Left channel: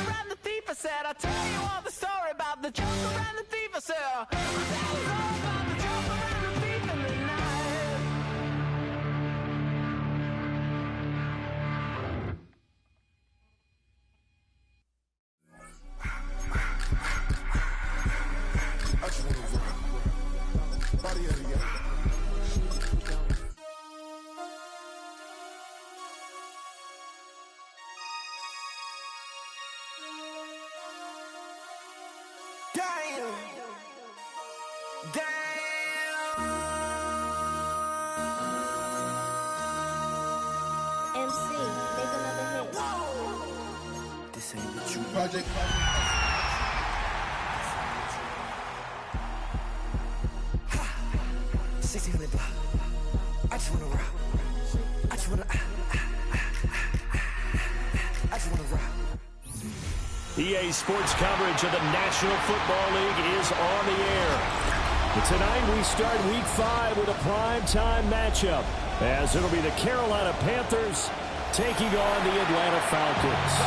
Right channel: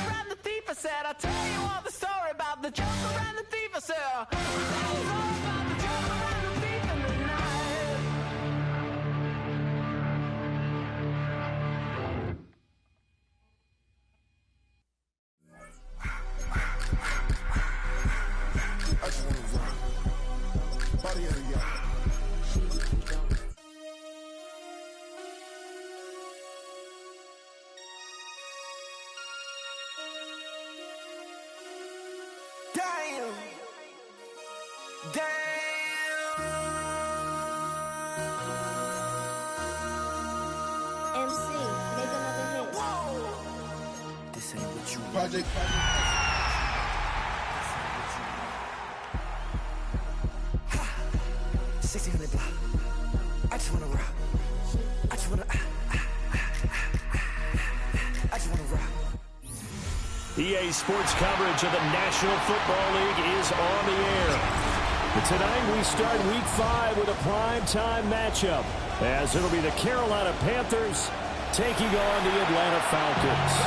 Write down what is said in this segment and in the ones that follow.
and the thief, I said, I'll tell you all the story about the joker and the thief, I said, I'll tell you all about the joker and the thief in the night. I just wanna rock. Body area. Damn. MC, make another hit. Whoa. This ain't what you want. Project. Ha! 1600 block. I just wanna rock. I just wanna. I just wanna rock. EA Sports coverage of the National Football League is on the air. But tonight we start Week 5 with a primetime matchup, as it'll be the Carolina Panthers taking on the Atlanta Falcons.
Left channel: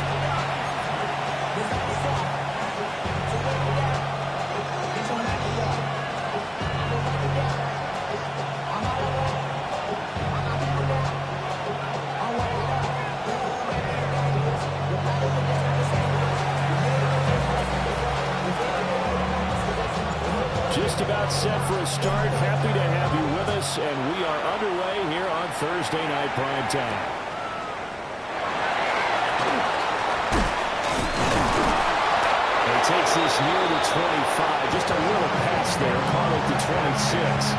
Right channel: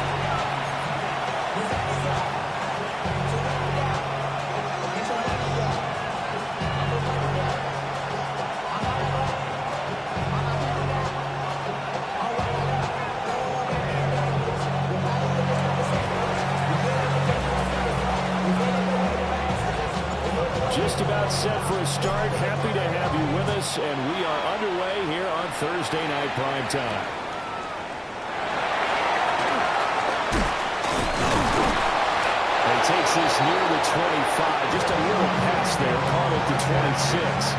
Just about set for a start. Happy to have you with us, and we are underway here on Thursday Night Primetime. He takes this near the 25. Just a little pass there. Call it the 26.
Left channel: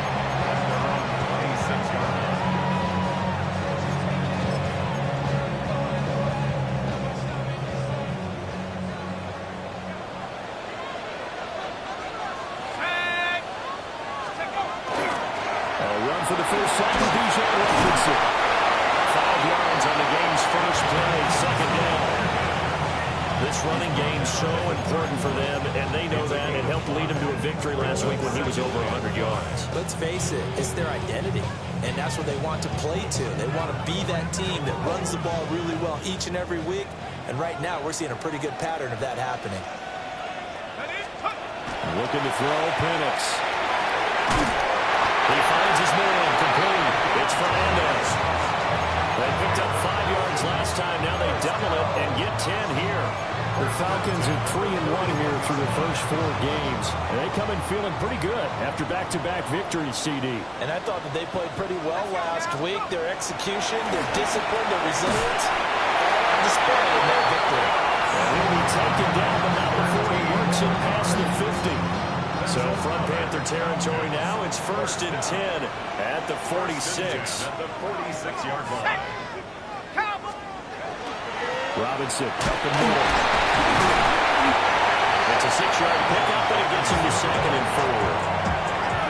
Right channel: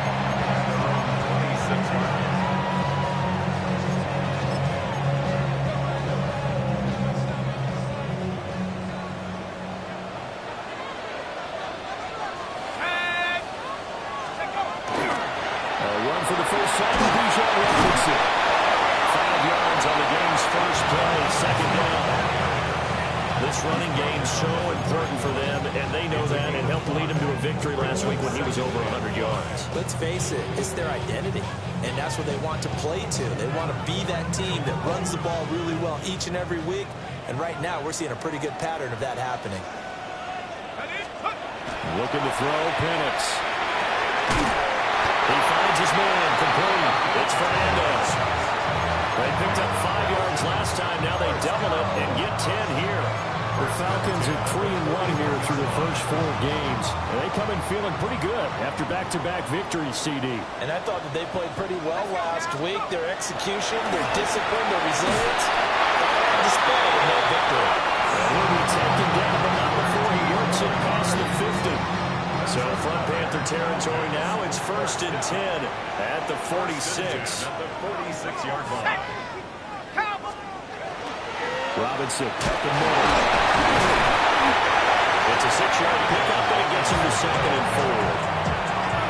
For the first time, Bijan Robinson. 5 yards on the game's first play, second down. This running game's so important for them, and they know that. It helped lead him to a victory last week when he was over 100 yards. Let's face it, it's their identity, and that's what they want to play to. They want to be that team that runs the ball really well each and every week, and right now we're seeing a pretty good pattern of that happening. Looking to throw, Penix. He finds his man, complete. It's Fernandez. They picked up 5 yards last time. Now they double it and get 10 here. The Falcons are 3-1 here through the first 4 games. And they come in feeling pretty good after back-to-back victories, CD. And I thought that they played pretty well last week. Their execution, their discipline, their resilience, all on display in that victory. And he'll be taken down, but not before he works it past the 50. So from Panther territory now, it's 1st and 10 at the 46. At the 46-yard line. Robinson up the middle. It's a 6-yard pickup, and it gets him to 2nd and 4.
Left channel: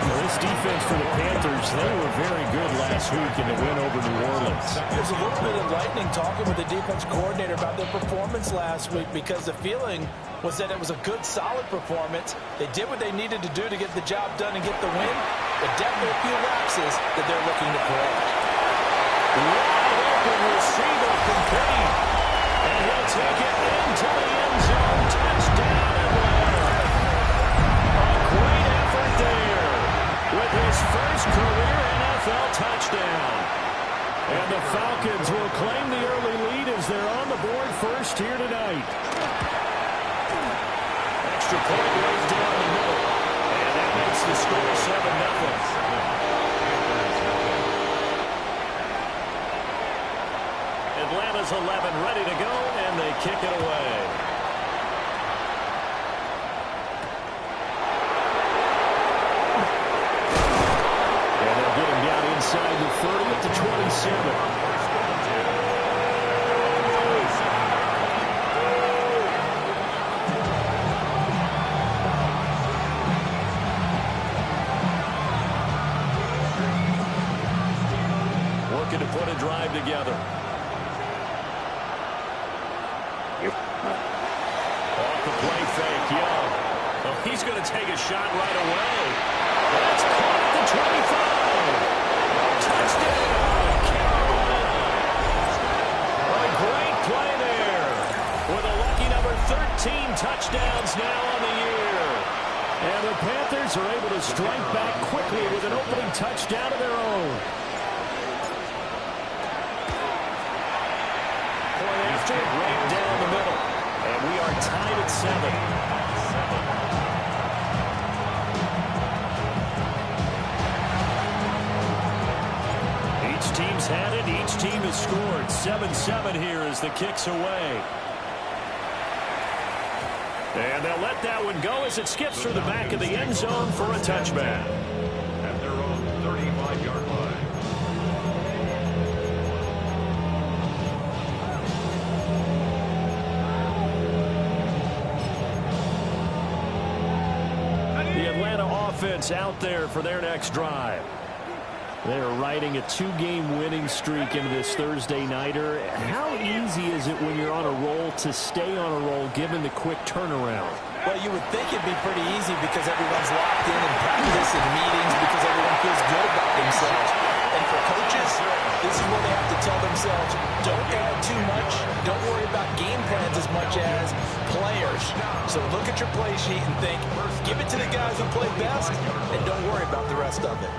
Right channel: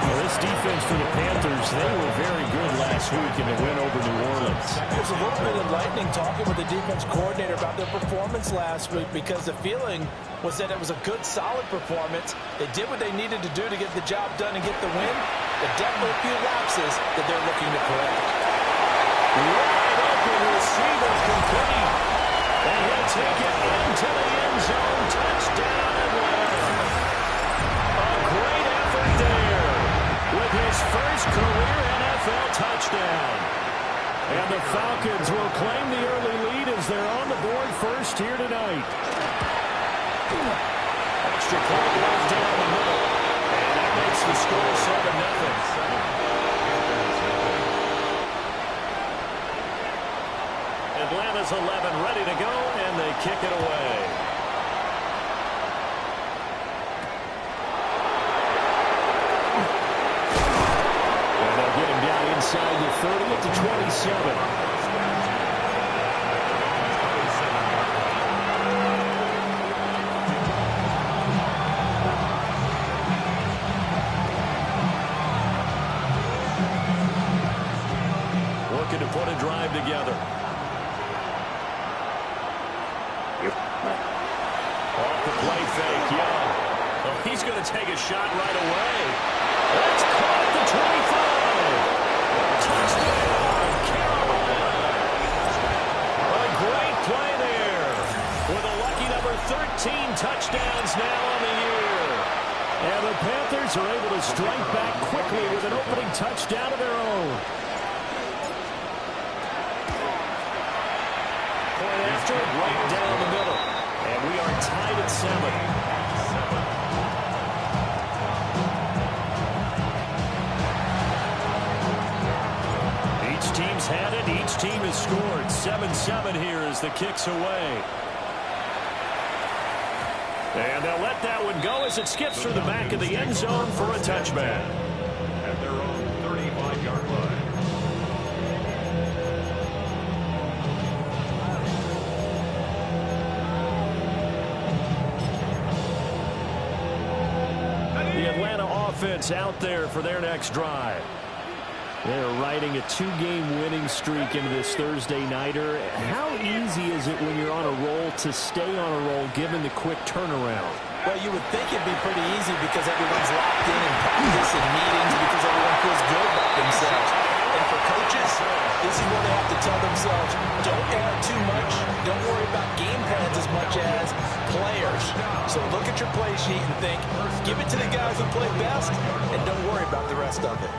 Well, this defense for the Panthers, they were very good last week in the win over New Orleans. It was a little bit enlightening talking with the defense coordinator about their performance last week, because the feeling was that it was a good, solid performance. They did what they needed to do to get the job done and get the win, but definitely a few lapses that they're looking to correct. Wide open receiver complete. And he'll take it into the end zone. Touchdown, Atlanta. A great effort there with his first career NFL touchdown. And the Falcons will claim the early lead as they're on the board first here tonight. Extra point right down the middle. And that makes the score 7-0. Atlanta's 11 ready to go, and they kick it away. And they'll get him down inside the 30 at the 27. Looking to put a drive together. Off the play fake, Young. Oh, he's going to take a shot right away. That's caught at the 25. Touchdown, Carolina. A great play there with a lucky number 13 touchdowns now on the year. And the Panthers are able to strike back quickly with an opening touchdown of their own. Point after, right down the middle. And we are tied at 7. Each team's had it. Each team has scored. 7-7 here as the kick's away. And they'll let that one go as it skips through the back of the end zone for a touchback. At their own 35-yard line. The Atlanta offense out there for their next drive. They're riding a 2-game winning streak into this Thursday nighter. How easy is it when you're on a roll to stay on a roll given the quick turnaround? Well, you would think it'd be pretty easy because everyone's locked in practice and meetings because everyone feels good about themselves. And for coaches, this is where they have to tell themselves, don't add too much. Don't worry about game plans as much as players. So look at your play sheet and think, give it to the guys who play best, and don't worry about the rest of it.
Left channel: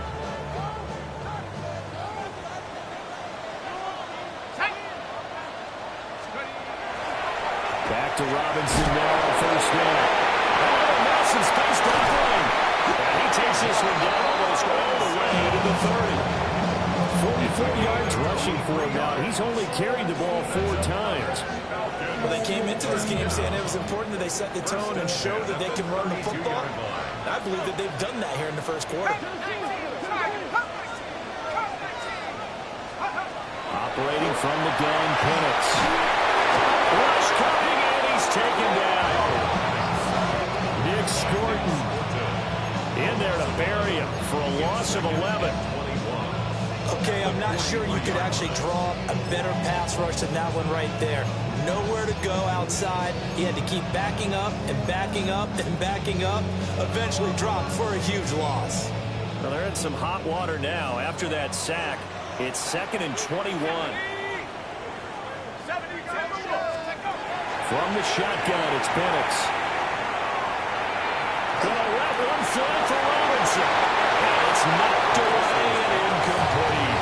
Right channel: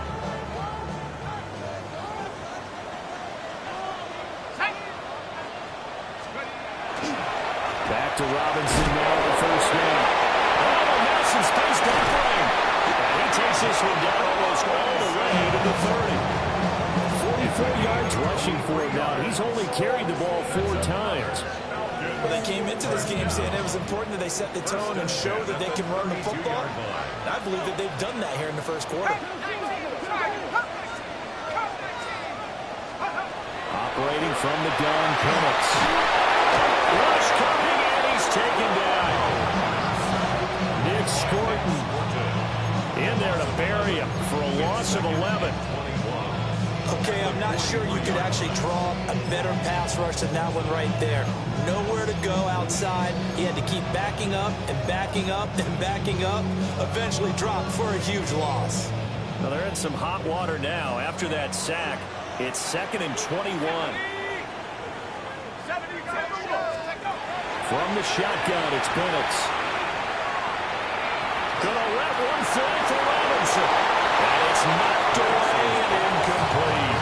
Back to Robinson now on the first down. Oh, Nelson's face doubling. And he takes this one down almost all the way to the 30. 44 yards rushing for him now. He's only carried the ball 4 times. Well, they came into this game saying it was important that they set the tone and show that they can run the football. I believe that they've done that here in the first quarter. Operating from the gun, Penix. Rush coming, and he's taken down. Nick Scorton in there to bury him for a loss of 11. Okay, I'm not sure you could actually draw a better pass rush than that one right there. Nowhere to go outside. He had to keep backing up and backing up and backing up. Eventually dropped for a huge loss. Well, they're in some hot water now. After that sack, it's 2nd and 21. From the shotgun, it's Penix. Gonna let one fly for Robinson. And it's knocked away and incomplete.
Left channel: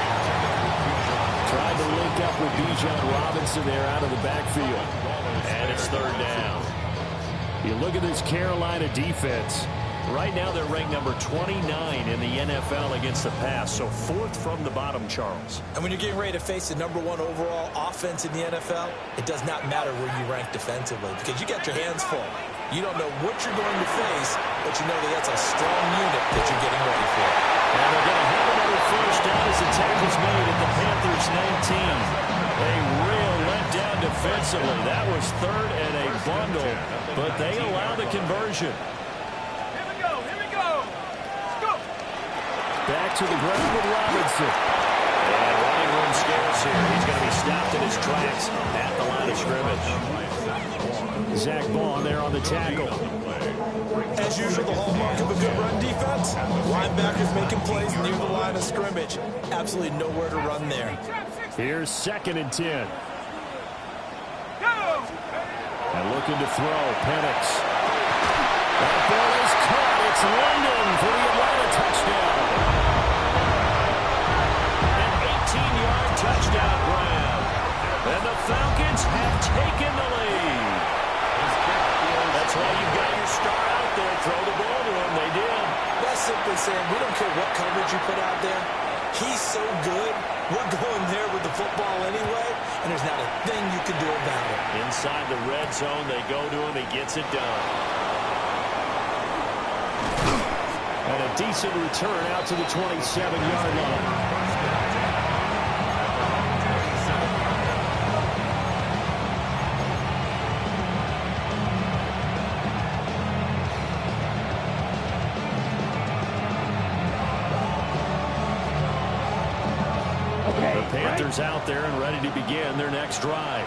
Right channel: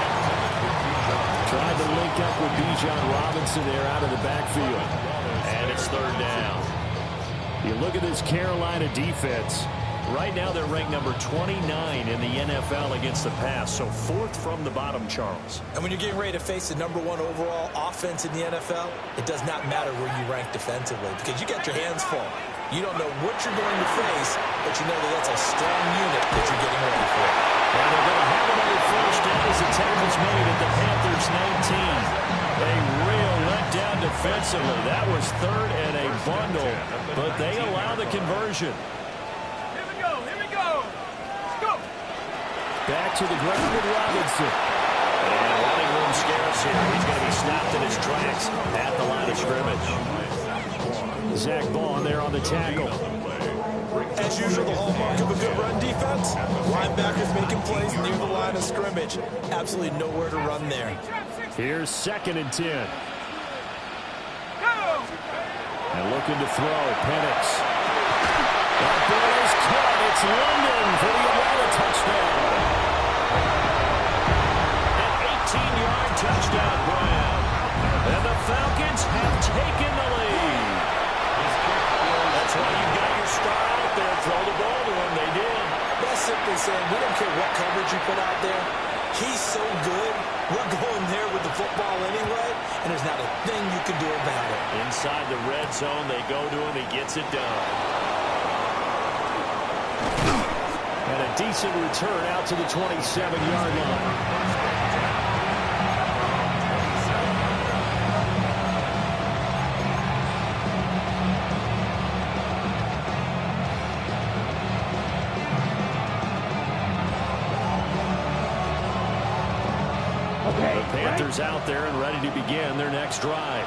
Tried to link up with Bijan Robinson there out of the backfield. And it's 3rd down. You look at this Carolina defense. Right now they're ranked number 29 in the NFL against the pass. So 4th from the bottom, Charles. And when you're getting ready to face the number 1 overall offense in the NFL, it does not matter where you rank defensively because you got your hands full. You don't know what you're going to face, but you know that that's a strong unit that you're getting ready for. And they're going to have another first down as the tackle's made at the Panthers 19. A real letdown defensively. That was 3rd and a bundle, but they allow the conversion. Back to the ground with Robinson. And running room scarce here. He's going to be stopped in his tracks at the line of scrimmage. Zach Bond there on the tackle. As usual, the hallmark of a good run defense, linebackers making plays near the line of scrimmage. Absolutely nowhere to run there. Here's 2nd and 10. And looking to throw, Penix. That ball is caught. It's London for the Atlanta touchdown. An 18-yard touchdown grab. And the Falcons have taken the lead. That's why you got your star out there. Throw the ball to him. They did. That's simply saying we don't care what coverage you put out there. He's so good. We're going there with the football anyway, and there's not a thing you can do about it. Inside the red zone, they go to him. He gets it done. And a decent return out to the 27-yard line. The Panthers out there and ready to begin their next drive.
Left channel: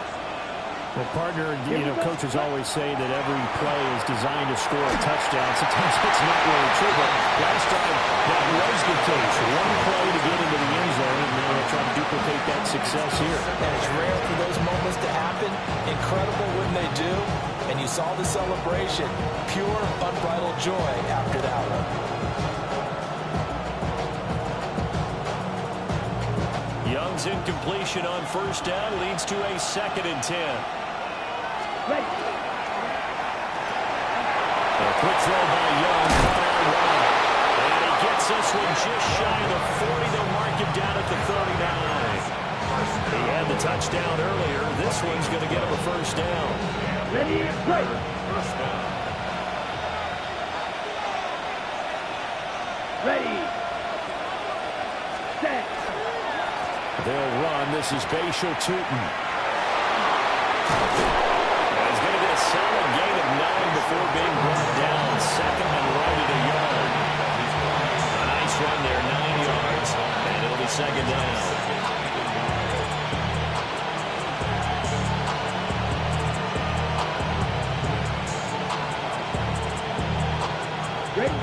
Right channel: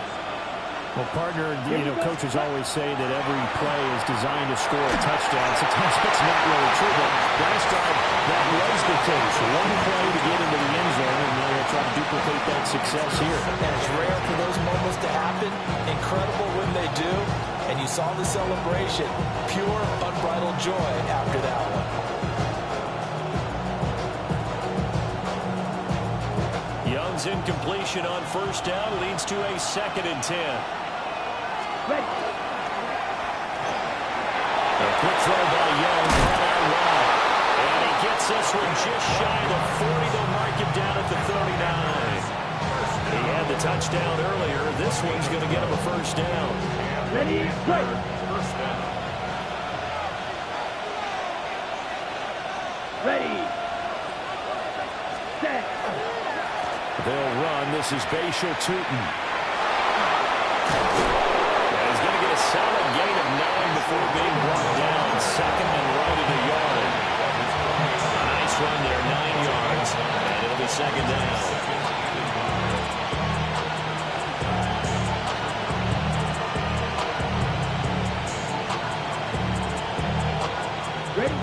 Well, partner, coaches always say that every play is designed to score a touchdown. Sometimes that's not really true, but last drive, that was the case. One play to get into the end zone, and now they'll try to duplicate that success here. And it's rare for those moments to happen. Incredible when they do. And you saw the celebration. Pure, unbridled joy after that one. Young's incompletion on first down leads to a 2nd and 10. A quick throw by Young, caught out wide. And he gets this one just shy of the 40. They'll mark him down at the 39. He had the touchdown earlier. This one's going to get him a first down. Ready, play. First down. Ready. Set. They'll run. This is Bashal Tootin. And he's going to get a solid gain of 9 before being brought down. 2nd and right at a yard. A nice run there, 9 yards. And it'll be 2nd down. Ready.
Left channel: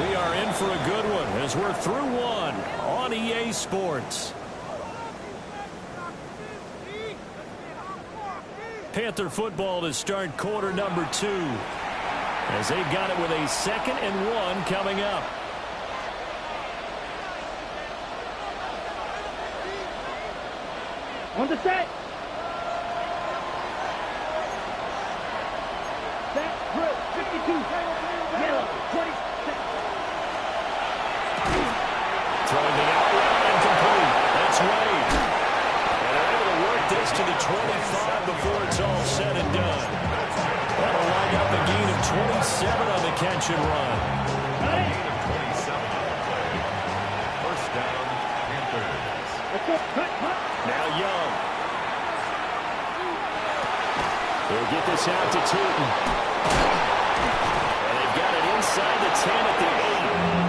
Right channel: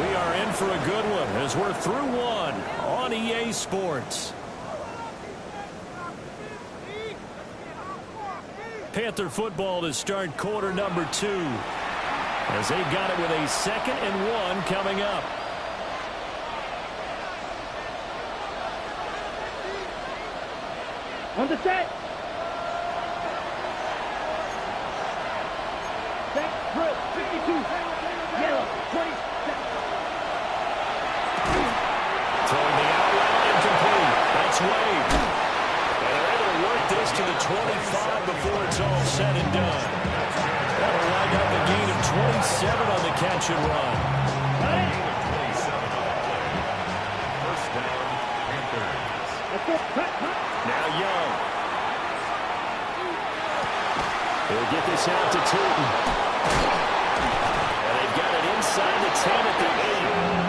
We are in for a good one as we're through one on EA Sports. Panther football to start quarter number 2 as they've got it with a 2nd and 1 coming up. On the set. Set, drill, 52. Yellow, 20. Throwing the out route incomplete. That's Wade. And they're able to work this to the 25 before it's all said and done. That'll line up a gain of 27 on the catch and run. A gain of 27 on the play. First down, Panthers. Now Young. He'll get this out to Tootin. And they've got it inside the 10 at the 8.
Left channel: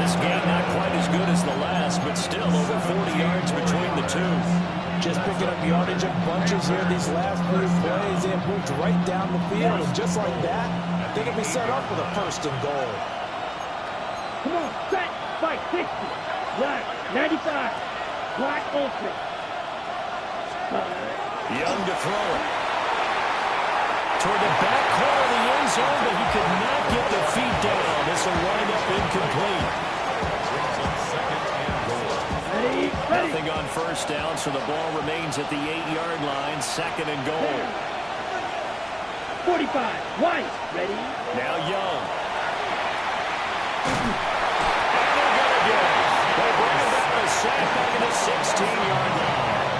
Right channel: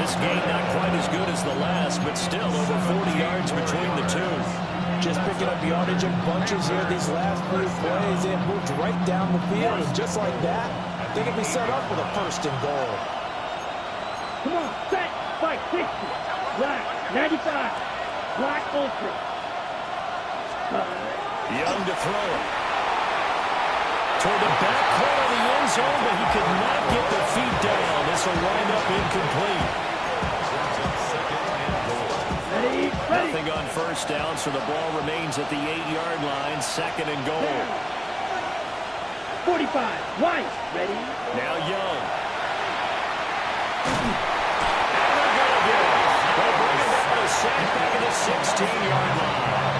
This game not quite as good as the last, but still over 40 yards between the two. Just picking up yardage in bunches here these last few plays. They have moved right down the field, and just like that, they can be set up with a 1st and goal. Come on, set, fight, 60. Black, 95. Black ultra. Young to throw it. Toward the back corner of the end zone, but he could not get the feet down. This will wind up incomplete. Brings up 2nd and goal. Ready, ready. Nothing on first down, so the ball remains at the 8-yard line. 2nd and goal. 45, White, ready. Now Young. And they're going to get it. They bring it down a sack back at the 16-yard line.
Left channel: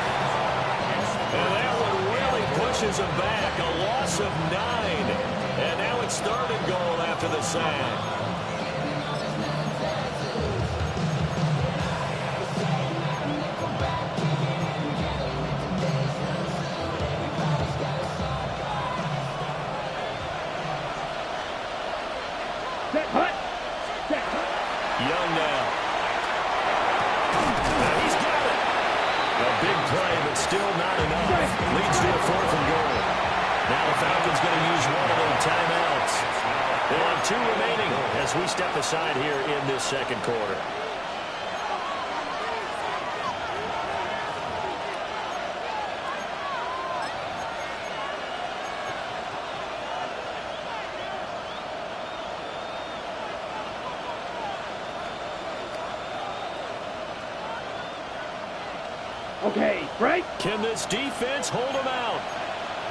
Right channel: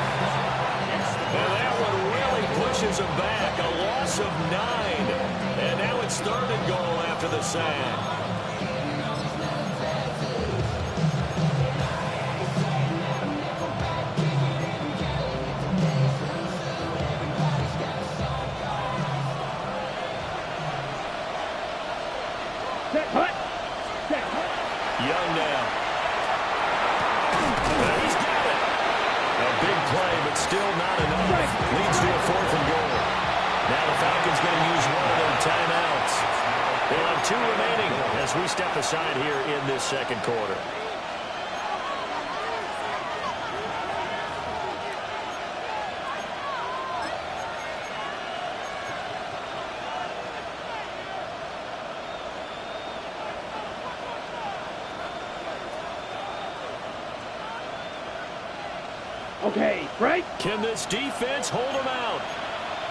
And that one really pushes him back. A loss of 9. And now it's 3rd and goal after the sack. Set, hut. Set, hut. Young now. He's got it. A big play, but still not enough. Leads to a 4th and goal. Now the Falcons going to use one of their timeouts. They'll have 2 remaining as we step aside here in this 2nd quarter. Okay, break. Can this defense hold them out?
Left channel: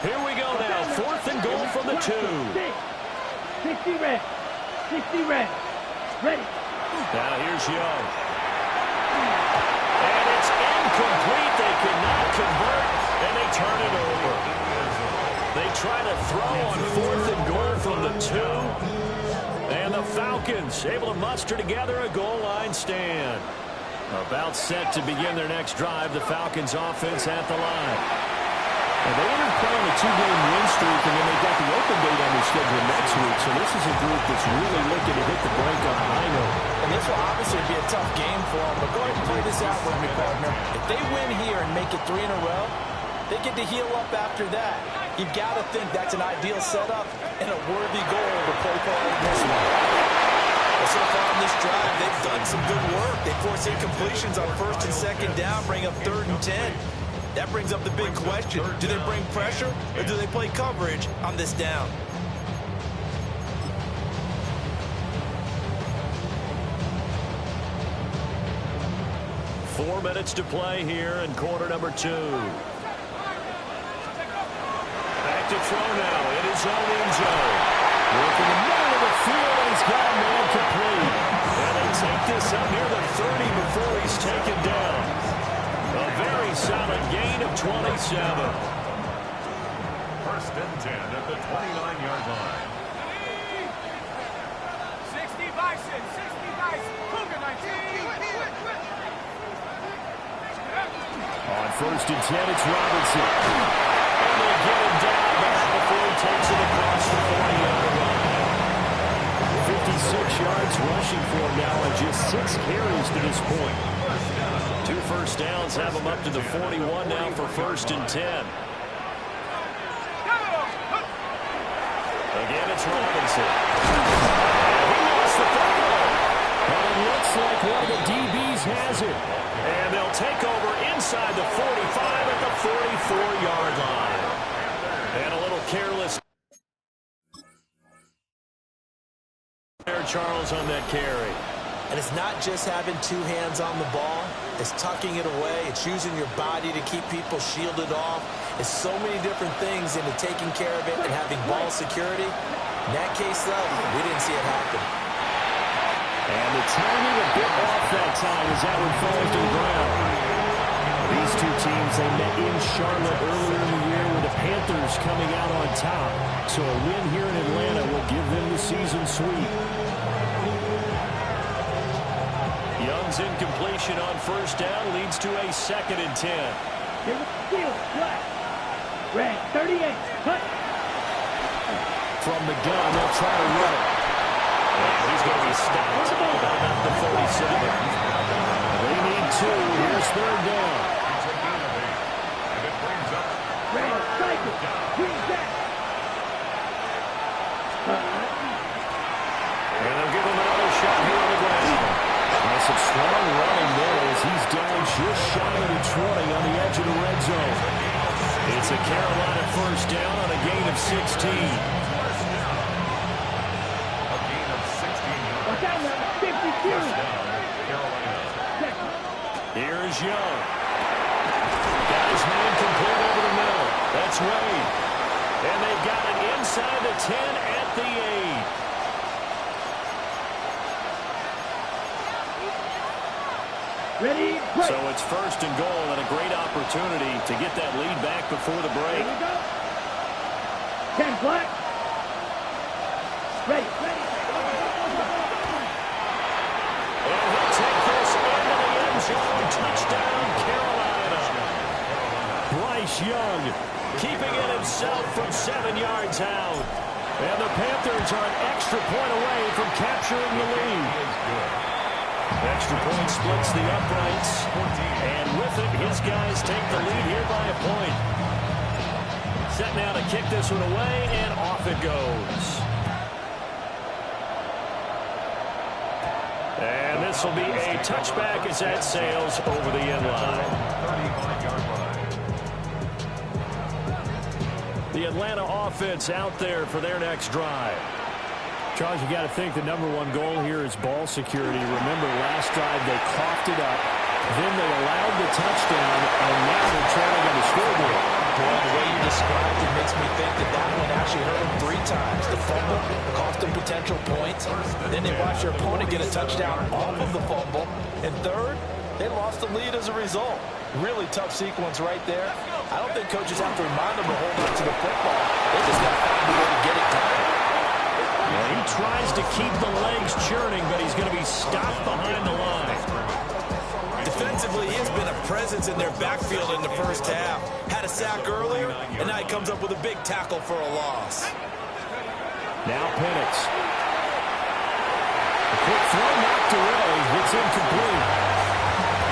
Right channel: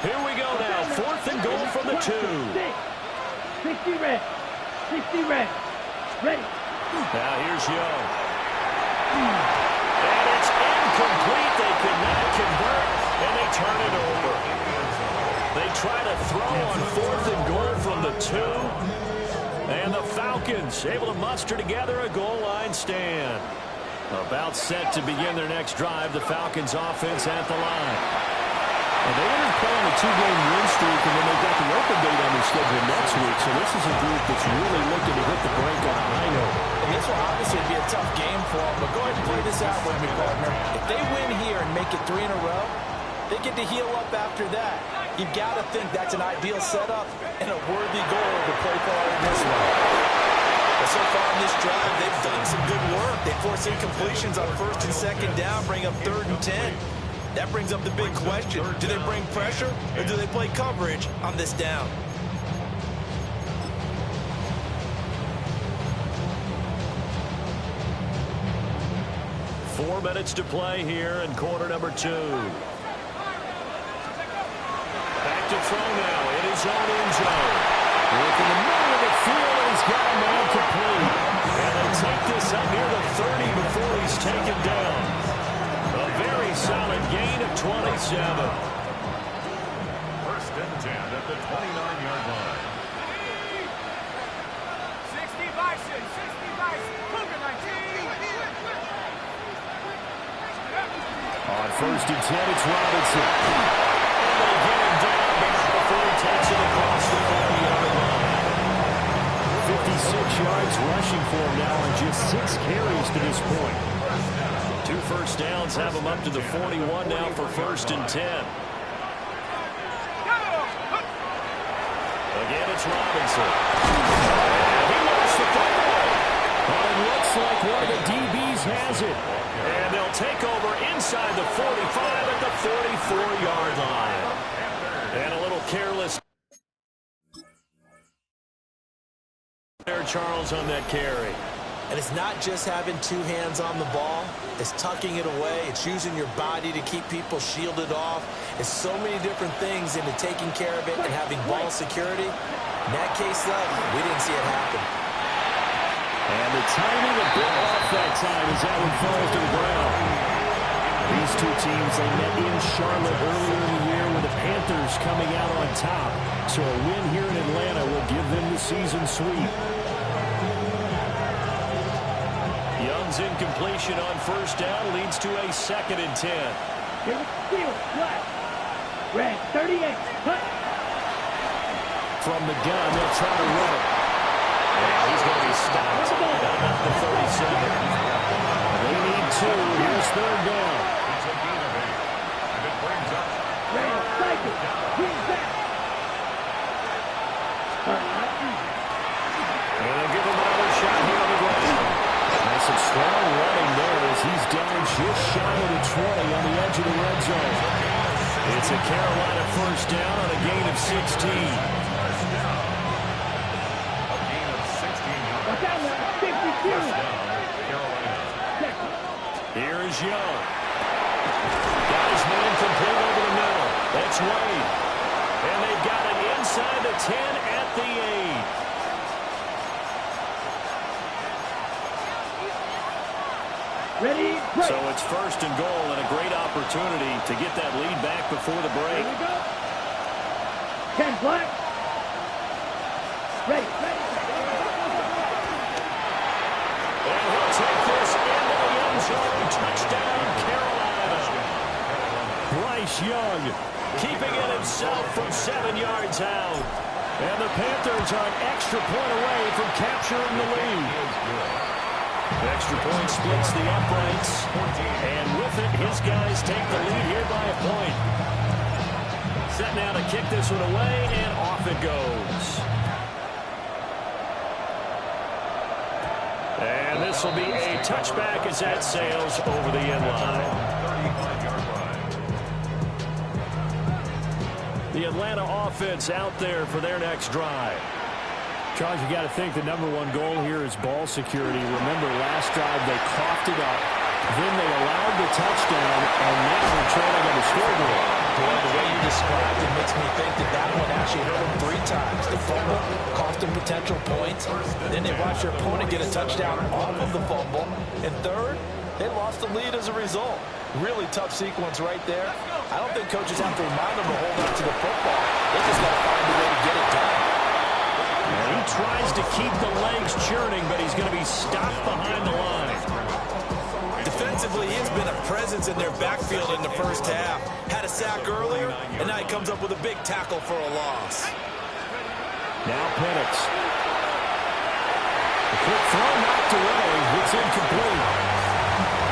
Here we go now. 4th and goal from the 2. 60 red. 60 red. Ready. Now here's Young. And it's incomplete. They cannot convert, and they turn it over. They try to throw on 4th and goal from the 2. And the Falcons able to muster together a goal line stand. About set to begin their next drive. The Falcons offense at the line. And they entered play on a 2-game win streak, and then they got the open date on their schedule next week. So this is a group that's really looking to hit the break on a high note. And this will obviously be a tough game for them. But go ahead and play this out with me, partner. If they win here and make it 3 in a row, They get to heal up after that. You've got to think that's an ideal setup and a worthy goal to play for in this one. Well, so far in this drive, they've done some good work. They force incompletions on 1st and 2nd down, bring up 3rd and 10. That brings up the big question. Do they bring pressure or do they play coverage on this down? Four minutes to play here in quarter number 2. Back to throw now in his own end zone. Working the middle of the field, and he's got a man complete. And they take this up near the 30 before he's taken down. A very solid gain of 27. 1st and 10 at the 29-yard line. 60 Bison, 60 Bison, Cougar 19. On 1st and 10, it's Robinson. And they get him down, but not before he takes it across the 40-yard line. 56 yards rushing for him now on just 6 carries to this point. 2 first downs have him up to the 41 now for 1st and 10. Again, it's Robinson. And he lost the football. But it looks like one of the DBs has it. And they'll take over inside the 45 at the 44-yard line. And a little careless there, Charles, on that carry. And it's not just having 2 hands on the ball. It's tucking it away. It's using your body to keep people shielded off. It's so many different things into taking care of it and having ball security. In that case, though, we didn't see it happen. And the timing a bit off that time as that one falls to the ground. These two teams, they met in Charlotte earlier in the year with the Panthers coming out on top. So a win here in Atlanta will give them the season sweep. Young's incompletion on 1st down leads to a 2nd and 10. Here's the field, flat. Red, 38, cut. From the gun, they'll try to run it. And he's going to be stopped at about the 37. They need 2. Here's 3rd down. It's a gain of 8. And it brings up Red, cycle, bring back. And they'll give him another shot here on the ground. And some strong running there as he's down just shy of the 20 on the edge of the red zone. It's a Carolina 1st down on a gain of 16. Here's Young. Got his man complete over the middle. That's Wade. And they've got it inside the 10 at the 8. Ready, break. So it's 1st and goal and a great opportunity to get that lead back before the break. Here we go. 10 black. Ready, ready. And he'll take this into the end zone. Touchdown, Carolina. Bryce Young keeping it himself from 7 yards out. And the Panthers are an extra point away from capturing the lead. Extra point splits the uprights. And with it, his guys take the lead here by a point. Set now to kick this one away, and off it goes. And this will be a touchback as that sails over the end line. 35-yard line. The Atlanta offense out there for their next drive. Charles, you got to think the #1 goal here is ball security. Remember, last drive they coughed it up, then they allowed the touchdown, and now they're trailing on the scoreboard. Boy, the way you described it makes me think that that one actually hurt them 3 times. The fumble cost them potential points. Then they watched their opponent get a touchdown off of the fumble. And third, they lost the lead as a result. Really tough sequence right there. I don't think coaches have to remind them to hold on to the football. They just got to find a way to get it done. And he tries to keep the legs churning, but he's going to be stopped behind the line. Defensively, he has been a presence in their backfield in the first half. Had a sack earlier, and now he comes up with a big tackle for a loss. Now Penix. The quick throw knocked away. It's incomplete.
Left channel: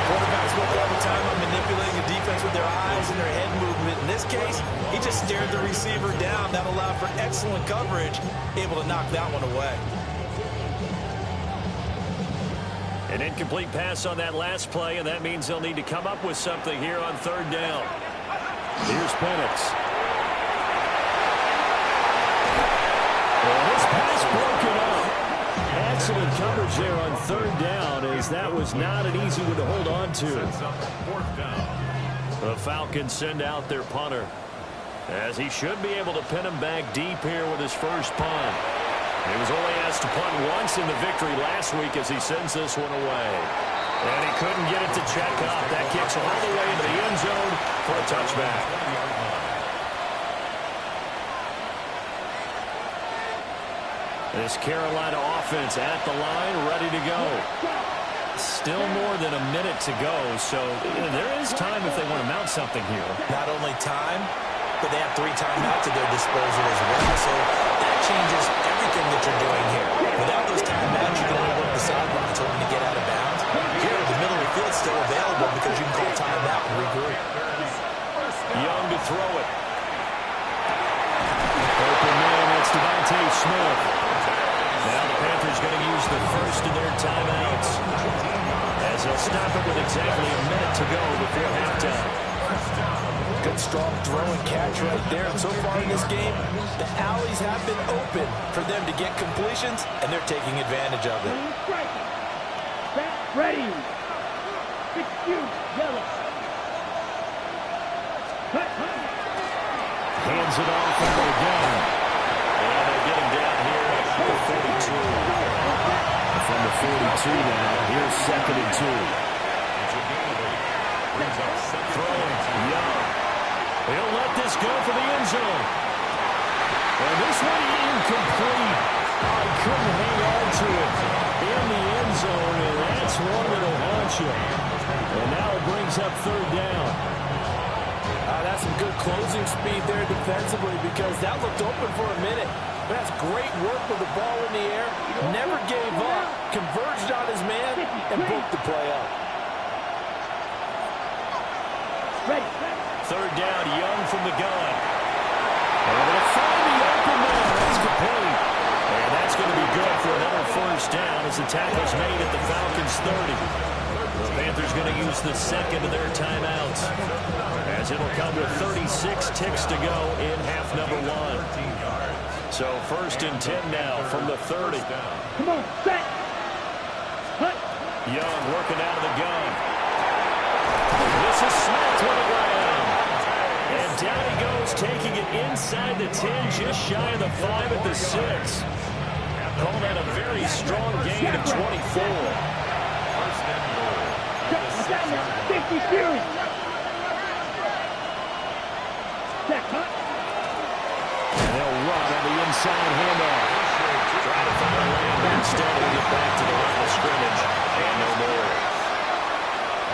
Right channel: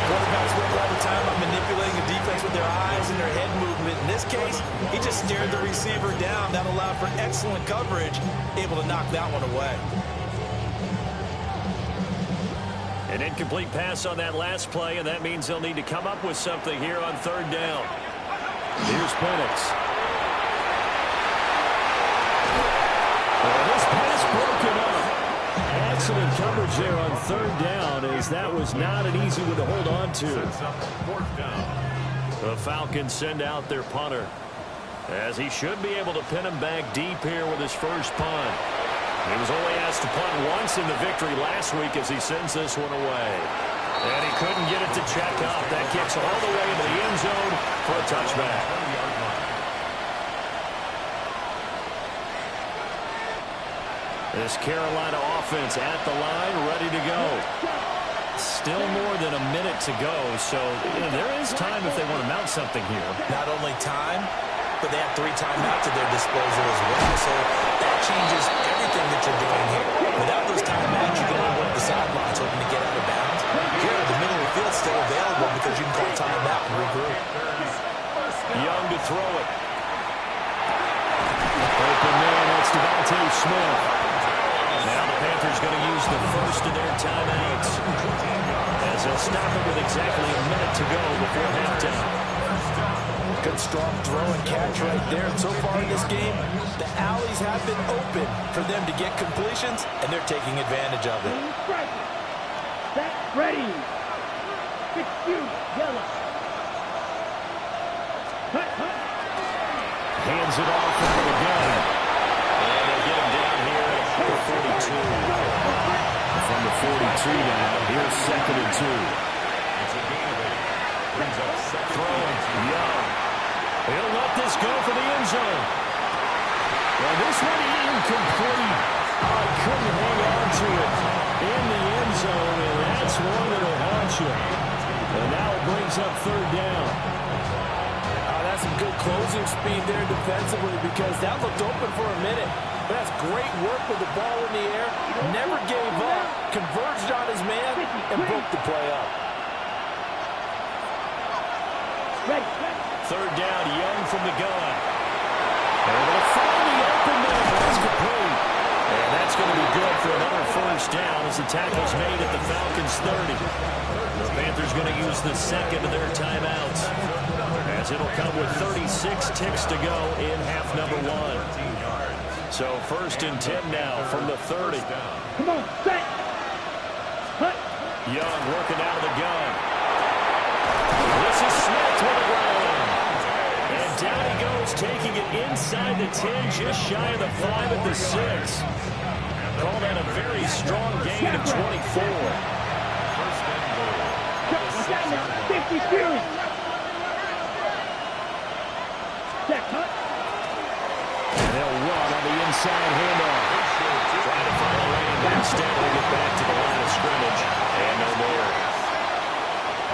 Quarterbacks work all the time on manipulating the defense with their eyes and their head movement. In this case, he just stared the receiver down. That allowed for excellent coverage, able to knock that one away. An incomplete pass on that last play, and that means they'll need to come up with something here on third down. Here's Penix. This pass broken up. Excellent coverage there on third down, as that was not an easy one to hold on to. The Falcons send out their punter, as he should be able to pin him back deep here with his first punt. He was only asked to punt once in the victory last week as he sends this one away. And he couldn't get it to check up. That kicks all the way into the end zone for a touchback. This Carolina offense at the line, ready to go. Still more than a minute to go, so there is time if they want to mount something here. Not only time, but they have 3 timeouts at their disposal as well, so that changes everything that you're doing here. Without those timeouts, you can only work the sidelines hoping to get out of bounds. Here, the middle of the field is still available because you can call timeout and regroup. Young to throw it. Open man, that's Devontae Smith. Now the Panthers going to use the first of their timeouts, as they'll stop it with exactly a minute to go before halftime. Good strong throw and catch right there. And so far in this game, the alleys have been open for them to get completions, and they're taking advantage of it. Ready. Yellow. Hands it off into the gun. And they'll get him down here at about the 42. From the 42 now, here's 2nd and 2. Throwing, Young. He'll let this go for the end zone. Well, this one incomplete. Oh, he couldn't hang on to it in the end zone, and that's one that'll haunt you. And now it brings up third down. That's some good closing speed there defensively, because that looked open for a minute. But that's great work with the ball in the air. Never gave up, converged on his man, and broke the play up. Ready. Third down, Young from the gun. Able to find the open man. That's complete. And that's going to be good for another first down as the tackle's made at the Falcons' 30. The Panthers going to use the second of their timeouts, as it'll come with 36 ticks to go in half number 1. So 1st and 10 now from the 30. Come on, set. Hut. Young working out of the gun. This is Smith with the ground. And down he goes, taking it inside the 10, just shy of the 5 at the 6. Call that a very strong gain of 24. First and goal. 50 Fury. Set, hut. And they'll run on the inside handoff. Try to find a lane, but instead he'll get back to the line of scrimmage. And no more.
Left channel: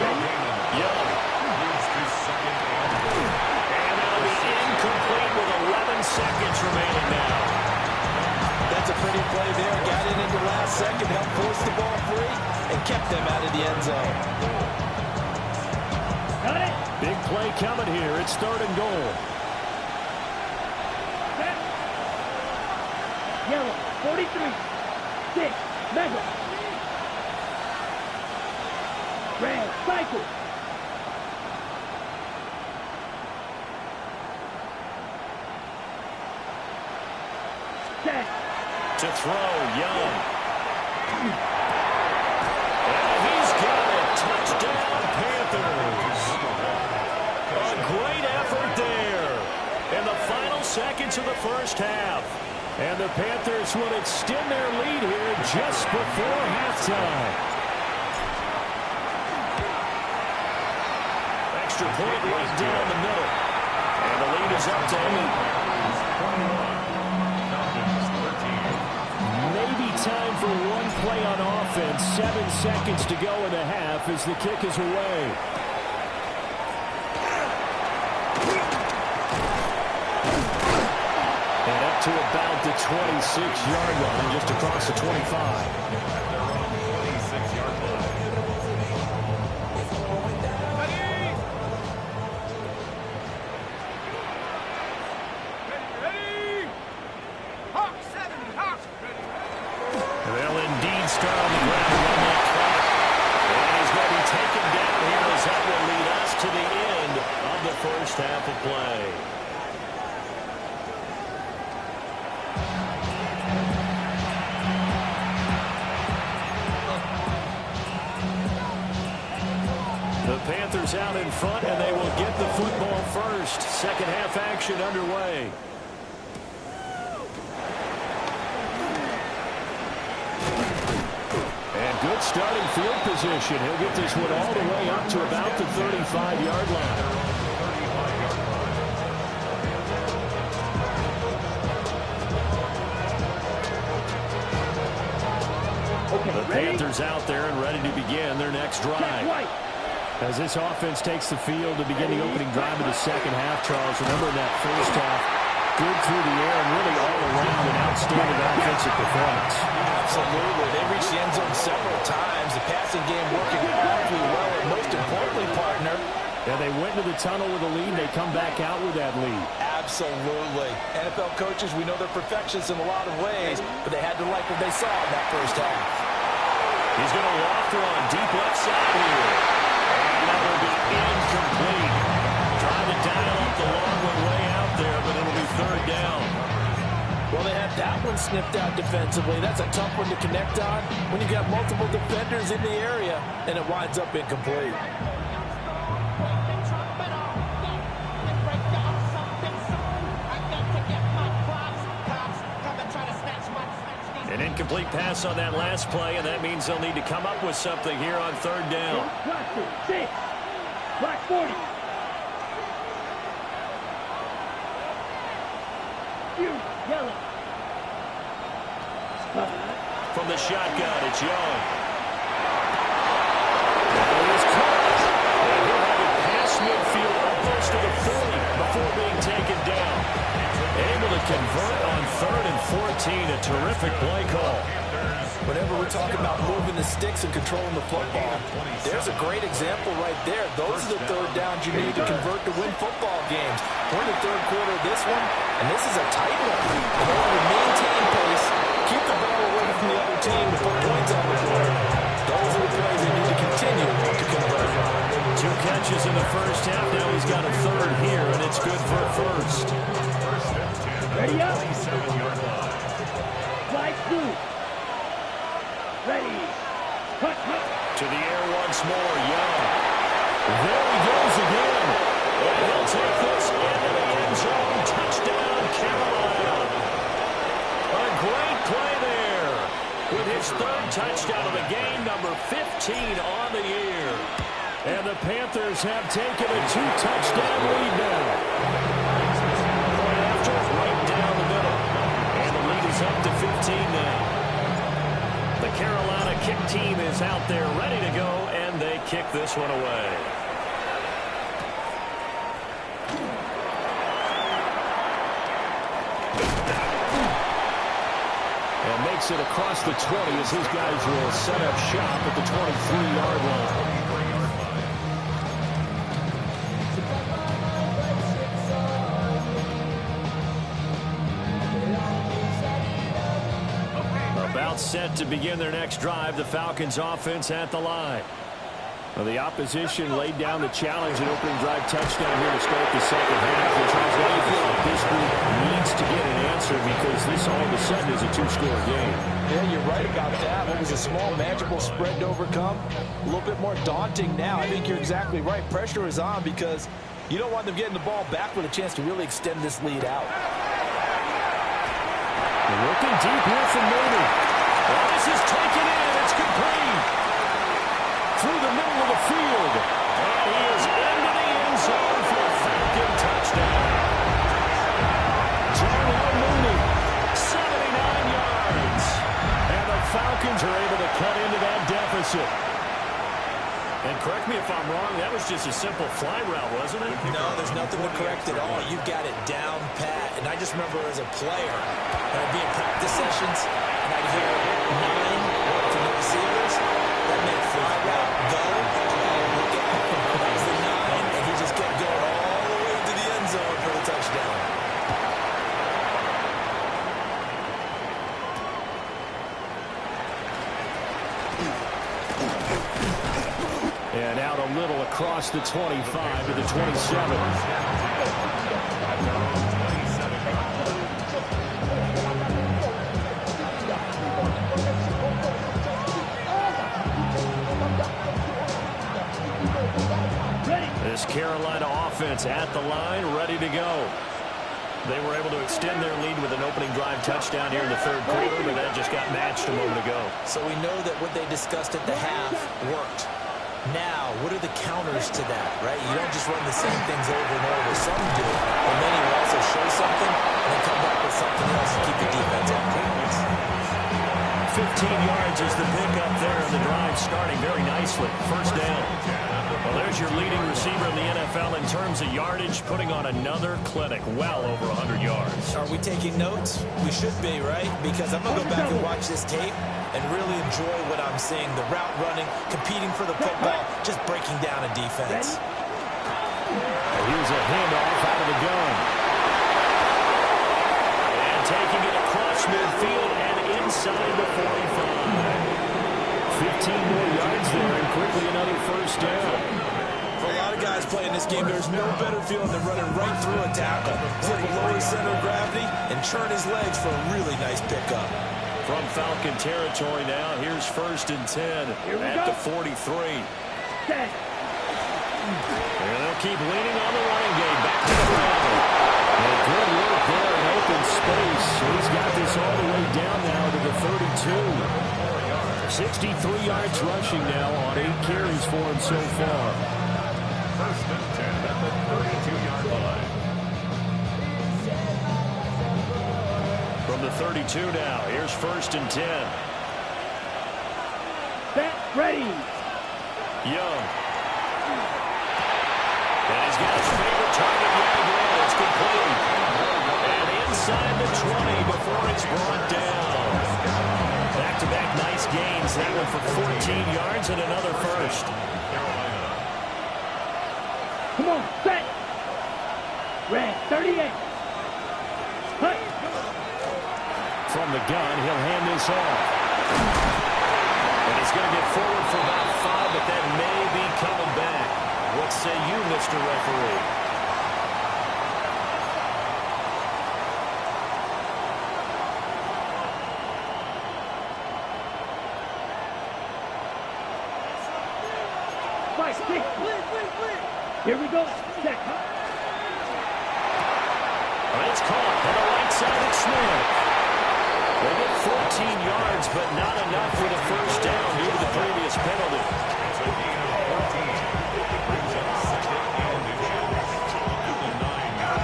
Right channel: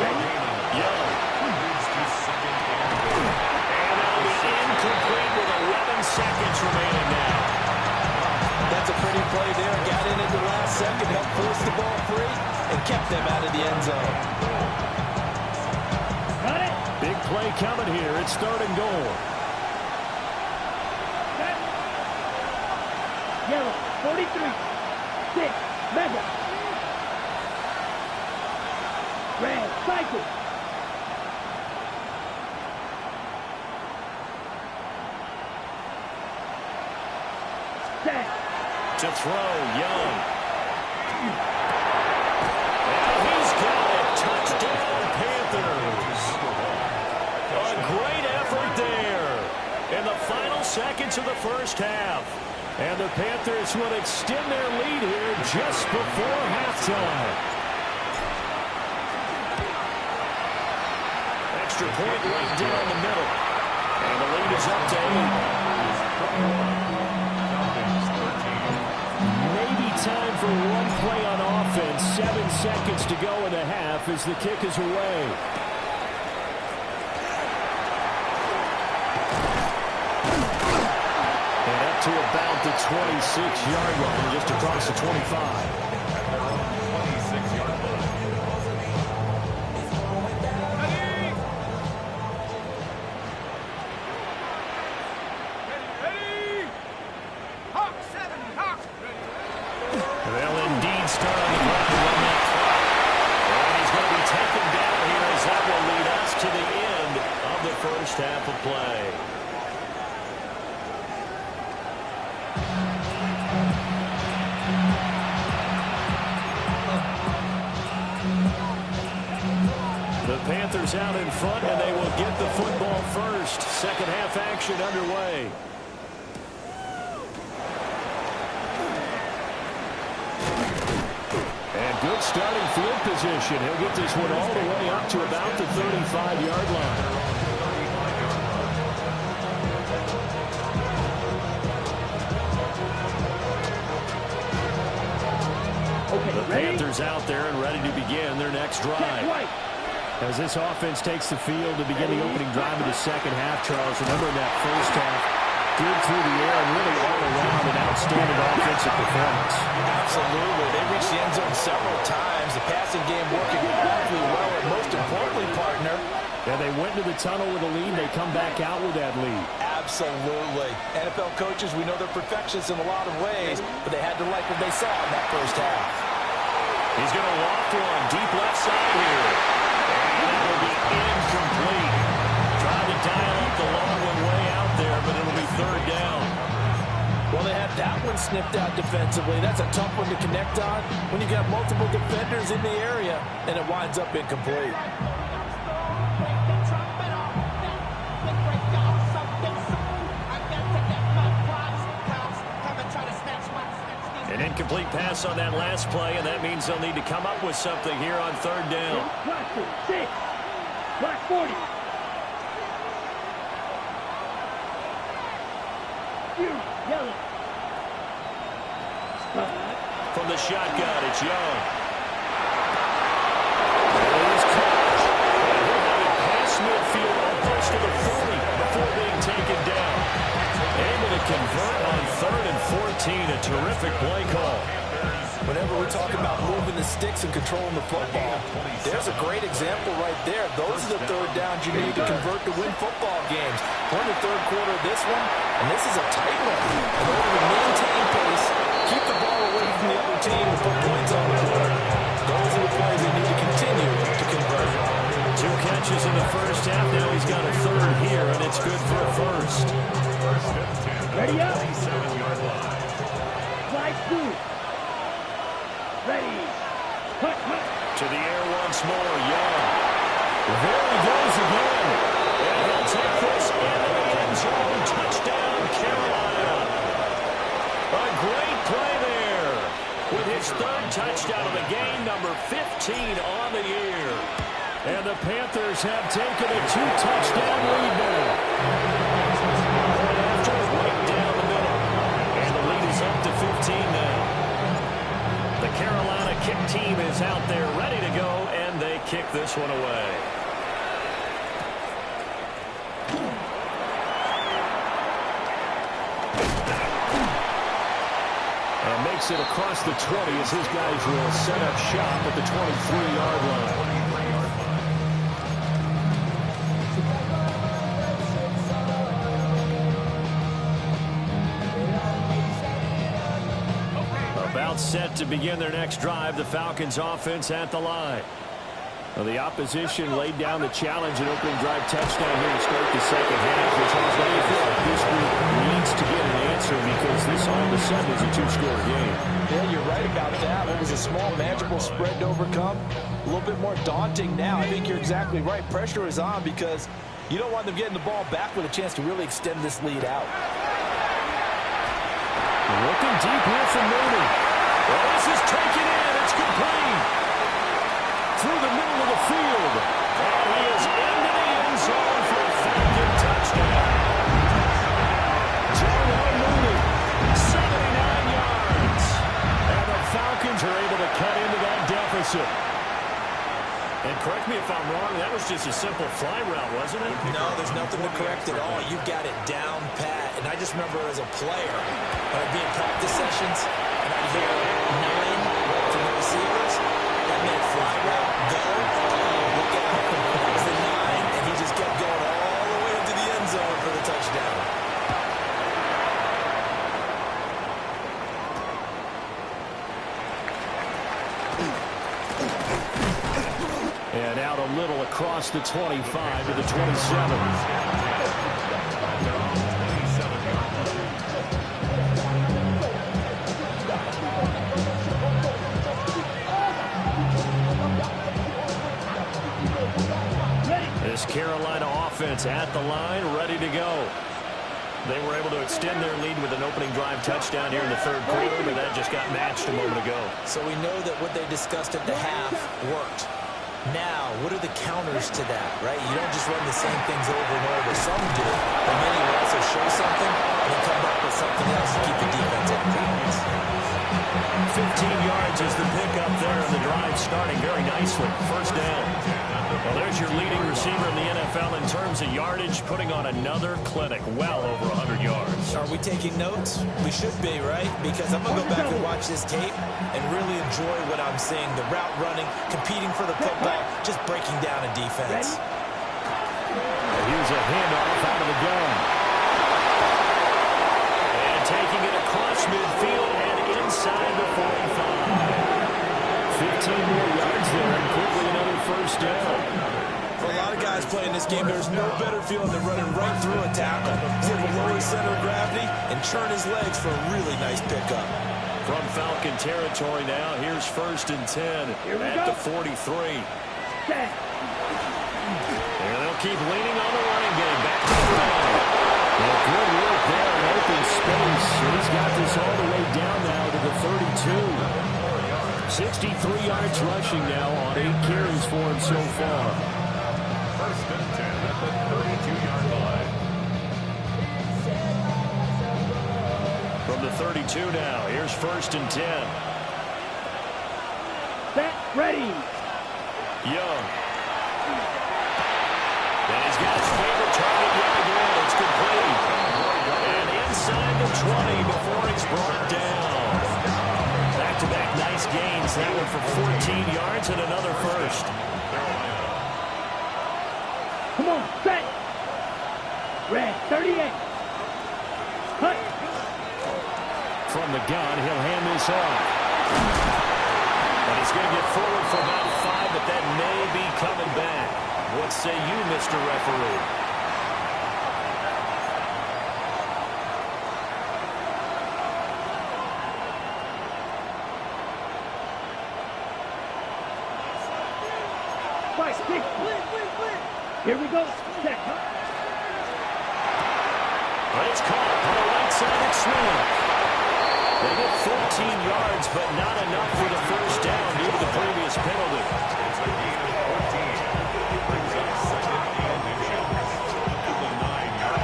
Young. And that'll be incomplete with 11 seconds remaining now. That's a pretty play there. Got in at the last second, helped force the ball free, and kept them out of the end zone. Got it. Big play coming here. It's 3rd and goal. Set. Yellow. 43. 6. Mega. Red. Cycle. Set. To throw, Young. And he's got it. Touchdown, Panthers. A great effort there in the final seconds of the first half. And the Panthers will extend their lead here just before halftime. Extra point right down the middle. And the lead is up to 8. Maybe time for one play on offense. 7 seconds to go in the half as the kick is away. And up to about the 26-yard line, just across the 25. At their own 26-yard line. They'll indeed start on the ground and run that clock. And he's going to be taken down here as that will lead us to the end of the first half of play. The Panthers out in front, and they will get the football first. Second half action underway. And good starting field position. He'll get this one all the way up to about the 35-yard line. The Panthers out there and ready to begin their next drive. As this offense takes the field to begin the opening drive of the second half, Charles, remember in that first half, good through the air and really all around an outstanding offensive performance. Absolutely. They reached the end zone several times. The passing game working awfully well, and most importantly, partner. Yeah, they went to the tunnel with a lead. They come back out with that lead. Absolutely. NFL coaches, we know they're perfectionists in a lot of ways, but they had to like what they saw in that first half. He's going to loft one deep left side here. And that will be incomplete. Trying to dial up the long one way out there, but it'll be third down. Well, they had that one snipped out defensively. That's a tough one to connect on when you got multiple defenders in the area, and it winds up incomplete. An incomplete pass on that last play, and that means they'll need to come up with something here on third down. Black 6. Black 40. Yellow. From the shotgun, it's Young. And he is caught. And he'll have it past midfield almost to the 40 before being taken down. Able to convert on 3rd and 14. A terrific play call. Whenever we're talking about moving the sticks and controlling the football, there's a great example right there. Those are the third downs you need to convert to win football games. We're in the third quarter of this one, and this is a tight one. In order to maintain pace, keep the ball away from the other team and put points on the board, those are the plays they need to continue to convert. 2 catches in the first half. Now he's got a third here, and it's good for a first. Ready up. Flag 2. Ready. Cut. To the air once more, Young. There he goes again. And he'll take this into the end zone. Touchdown, Carolina. A great play there. With his 3rd touchdown of the game, number 15 on the year. And the Panthers have taken a 2-touchdown lead now. Point after, right down the middle. And the lead is up to 15 now. The Carolina kick team is out there ready to go, and they kick this one away. And makes it across the 20 as his guys will set up shop at the 23-yard line. About set to begin their next drive, the Falcons offense at the line. Well, the opposition laid down the challenge and opening drive touchdown here to start the second half. And Charles, now you feel like this group needs to get an answer because this all of a sudden is a 2-score game. Yeah, you're right about that. What was a small, manageable spread to overcome? A little bit more daunting now. I think you're exactly right. Pressure is on because you don't want them getting the ball back with a chance to really extend this lead out. Looking deep here from Mooney. Well, this is taken in. It's complete. Through the middle of the field. And he is into the end zone for a Falcon touchdown. Darnell Mooney, 79 yards. And the Falcons are able to cut into that deficit. And correct me if I'm wrong, that was just a simple fly route, wasn't it? No, there's nothing to correct at all. You've got it down pat. And I just remember as a player, when I'd be in practice sessions, and I'd hear 9 from the receivers, that meant fly route, go, look out. That was the 9, and he just kept going all the way into the end zone for the touchdown. And out a little across the 25 to the 27. At their own 27-yard line. This Carolina offense at the line, ready to go. They were able to extend their lead with an opening drive touchdown here in the third quarter, but that just got matched a moment ago. So we know that what they discussed at the half worked. Now, what are the counters to that, right? You don't just run the same things over and over. Some do, but many will also show something and then come back with something else to keep the defense on balance. 15 yards is the pickup there, and the drive starting very nicely. First down. Well, there's your leading receiver in the NFL in terms of yardage, putting on another clinic, well over 100 yards. Are we taking notes? We should be, right? Because I'm going to go back and watch this tape and really enjoy what I'm seeing. The route running, competing for the football, just breaking down a defense. And here's a handoff out of the gun. And taking it across midfield and inside the 45. 15 more yards there and quickly another first down. For a lot of guys playing this game, there's no better feeling than running right through a tackle. He's able to lower his center of gravity and churn his legs for a really nice pickup. From Falcon territory now, here's 1st and 10 at the 43. There, they'll keep leaning on the running game. Back to the ground. Well, good work there in open space. He's got this all the way down now to the 32. 63 yards rushing now on 8 carries for him so far. 1st and 10 at the 32-yard line. From the 32 now, here's 1st and 10. Set, ready. Young. And he's got his favorite target yet again. It's complete. And inside the 20 before it's brought down. Back-to-back nice gains. That one for 14 yards and another first. Come on, set. Red, 38. Cut. From the gun, he'll hand this off. And he's going to get forward for about 5, but that may be coming back. What say you, Mr. Referee? Fight, six. Here we go. Set. It's caught on the right side of Smith. They get 14 yards, but not enough for the first down due to the previous penalty. It's a gain of 14. Brings up 2nd and inches at the 9-yard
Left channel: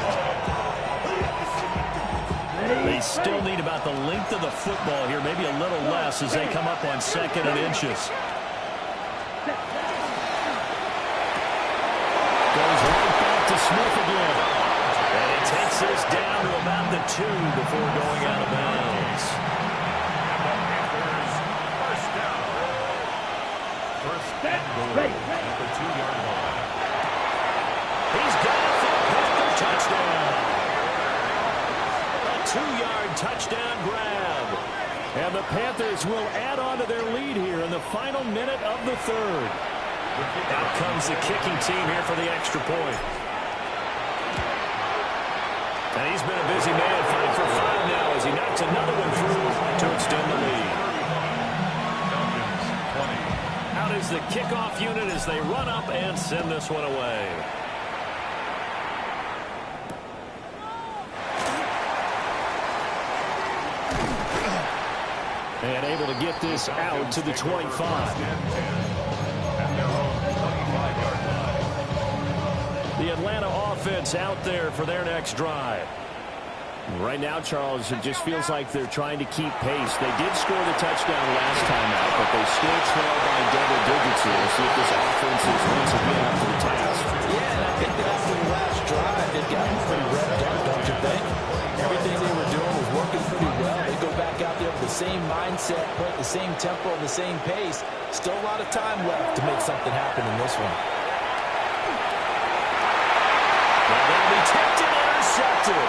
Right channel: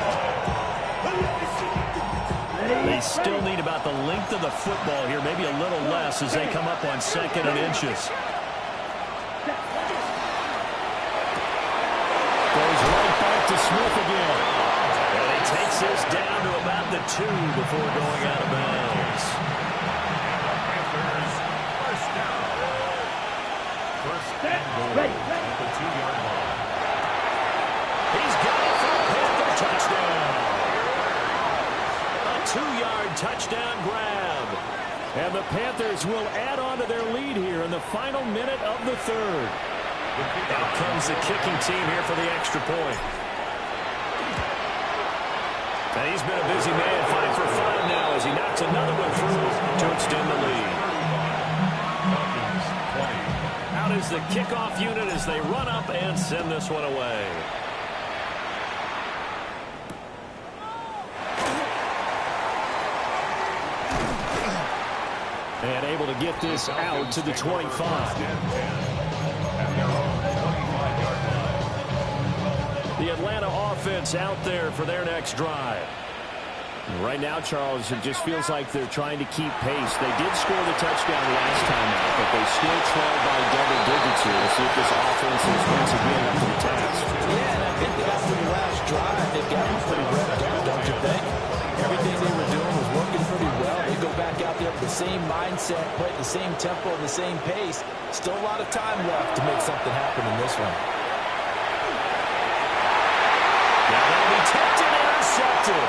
line. They still need about the length of the football here, maybe a little less as they come up on 2nd and inches. Goes right back to Smith again. And he takes this down to about the 2 before going out of bounds. And the Panthers, first down. First and goal at the 2-yard line. He's got it for a Panther touchdown. A 2-yard touchdown grab. And the Panthers will add on to their lead here in the final minute of the third. Out comes the kicking team here for the extra point. And he's been a busy man, 5 for 5 now as he knocks another one through to extend the lead. Falcons 20. Out is the kickoff unit as they run up and send this one away. And able to get this out to the 25. At their own 25-yard line. The Atlanta offense out there for their next drive. Right now, Charles, it just feels like they're trying to keep pace. They did score the touchdown last time out, but they still trail by double digits here. We'll see if this offense is once again up to the task. Yeah, and I think that after the last drive, they've got them pretty revved up, don't you think? Everything they were doing was working pretty well. They go back out there with the same mindset, play at the same tempo, and the same pace. Still a lot of time left to make something happen in this one. Now that'll be tipped and intercepted.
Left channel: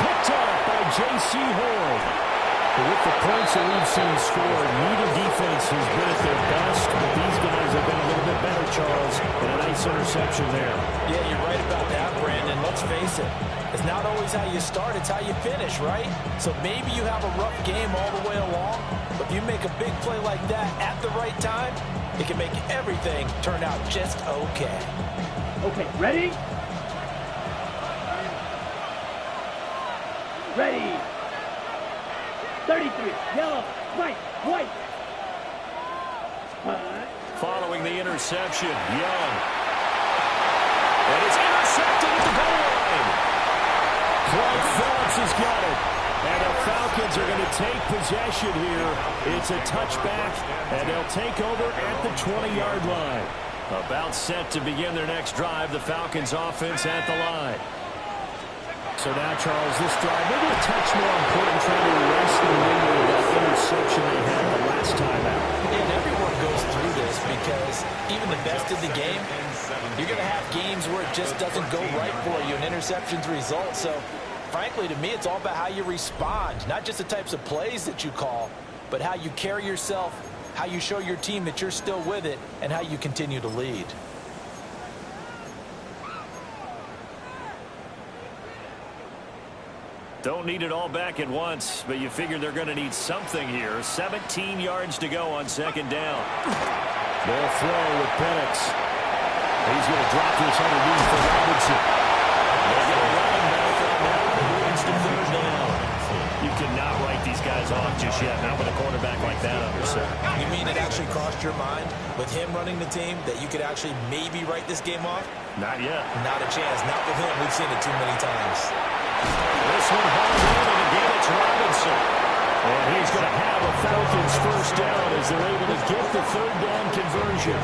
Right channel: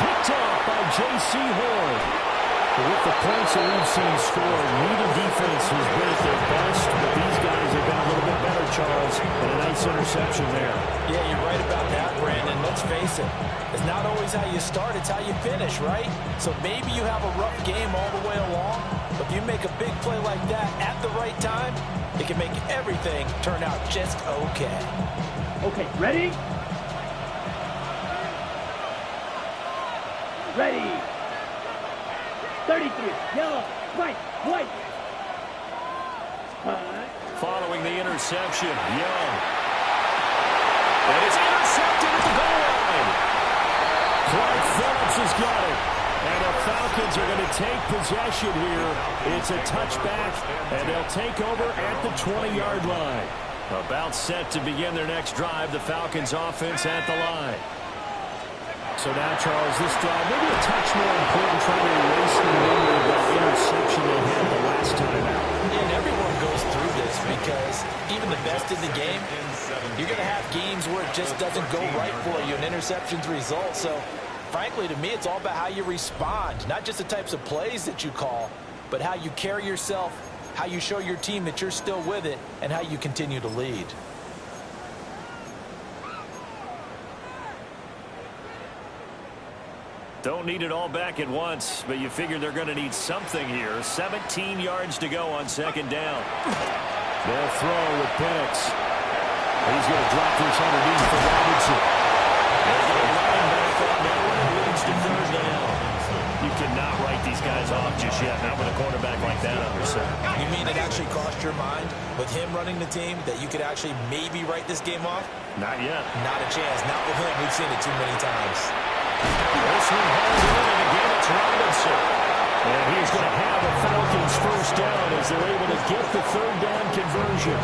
Picked off by J.C. Horn. With the points that we've seen scored, neither defense has been at their best, but these guys have been a little bit better, Charles, and a nice interception there. Yeah, you're right about that, Brandon. Let's face it. It's not always how you start, it's how you finish, right? So maybe you have a rough game all the way along, but if you make a big play like that at the right time, it can make everything turn out just okay. Okay, ready? Ready. 33, yellow, white. Following the interception, Young. And it's intercepted at the goal line. Clyde Phillips has got it. And the Falcons are going to take possession here. It's a touchback, and they'll take over at the 20-yard line. About set to begin their next drive, the Falcons offense at the line. So now, Charles, this drive maybe a touch more important, trying to erase the memory of that interception they had the last time out. And everyone goes through this because even the best in the game, you're going to have games where it just doesn't go right for you, and interceptions result. So, frankly, to me, it's all about how you respond, not just the types of plays that you call, but how you carry yourself, how you show your team that you're still with it, and how you continue to lead. Don't need it all back at once, but you figure they're going to need something here. 17 yards to go on second down. They'll throw with Penix. He's going to drop this underneath for Robinson. They get a running back on that one. It leads to third down. You cannot write these guys off just yet, not with a quarterback like that under center. You mean it actually crossed your mind with him running the team that you could actually maybe write this game off? Not yet. Not a chance. Not with him. We've seen it too many times. This one hauled in, and again it's Robinson. And he's going to have a Falcons first down as they're able to get the third down conversion.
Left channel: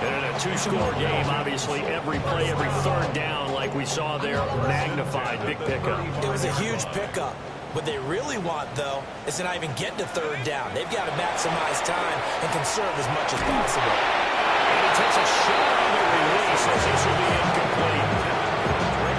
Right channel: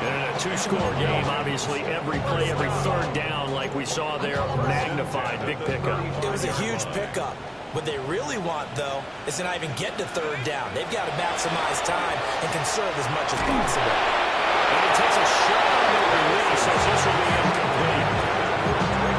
And in a two-score game, obviously, every play, every third down, like we saw there, magnified. Big pickup. It was a huge pickup. What they really want, though, is to not even get to third down. They've got to maximize time and conserve as much as possible. And he takes a shot on the release as this will be incomplete.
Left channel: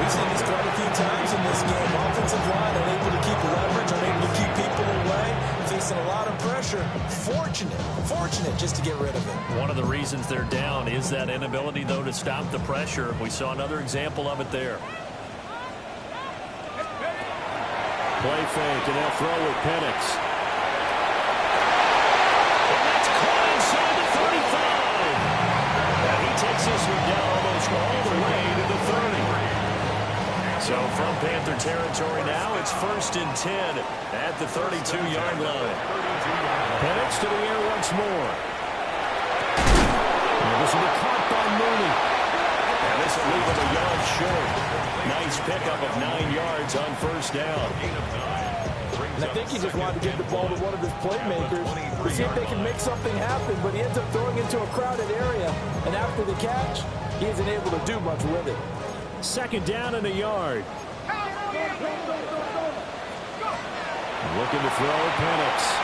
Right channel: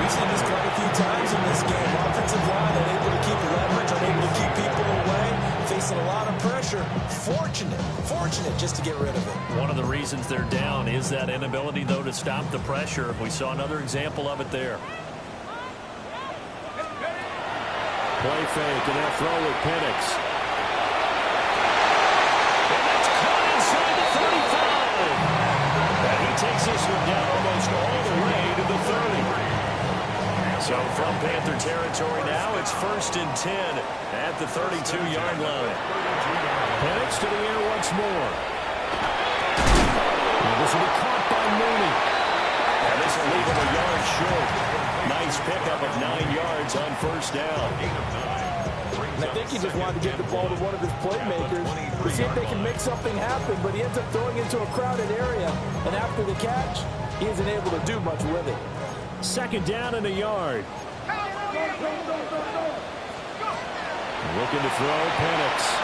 We've seen this quite a few times in this game. Offensive line unable to keep leverage, unable to keep people away, facing a lot of pressure. Fortunate just to get rid of it. One of the reasons they're down is that inability, though, to stop the pressure. We saw another example of it there. Play fake, and they'll throw with Penix. And that's caught inside the 35. And he takes this one down almost all the way to the 30. So from Panther territory now, it's 1st and 10 at the 32-yard line. Penix to the air once more. And this will be caught by Mooney. And this will leave him a yard short. Nice pickup of 9 yards on first down. And I think he just wanted to give the ball to one of his playmakers to see if they can make something happen, but he ends up throwing into a crowded area. And after the catch, he isn't able to do much with it. Second down and a yard. Looking to throw, Penix.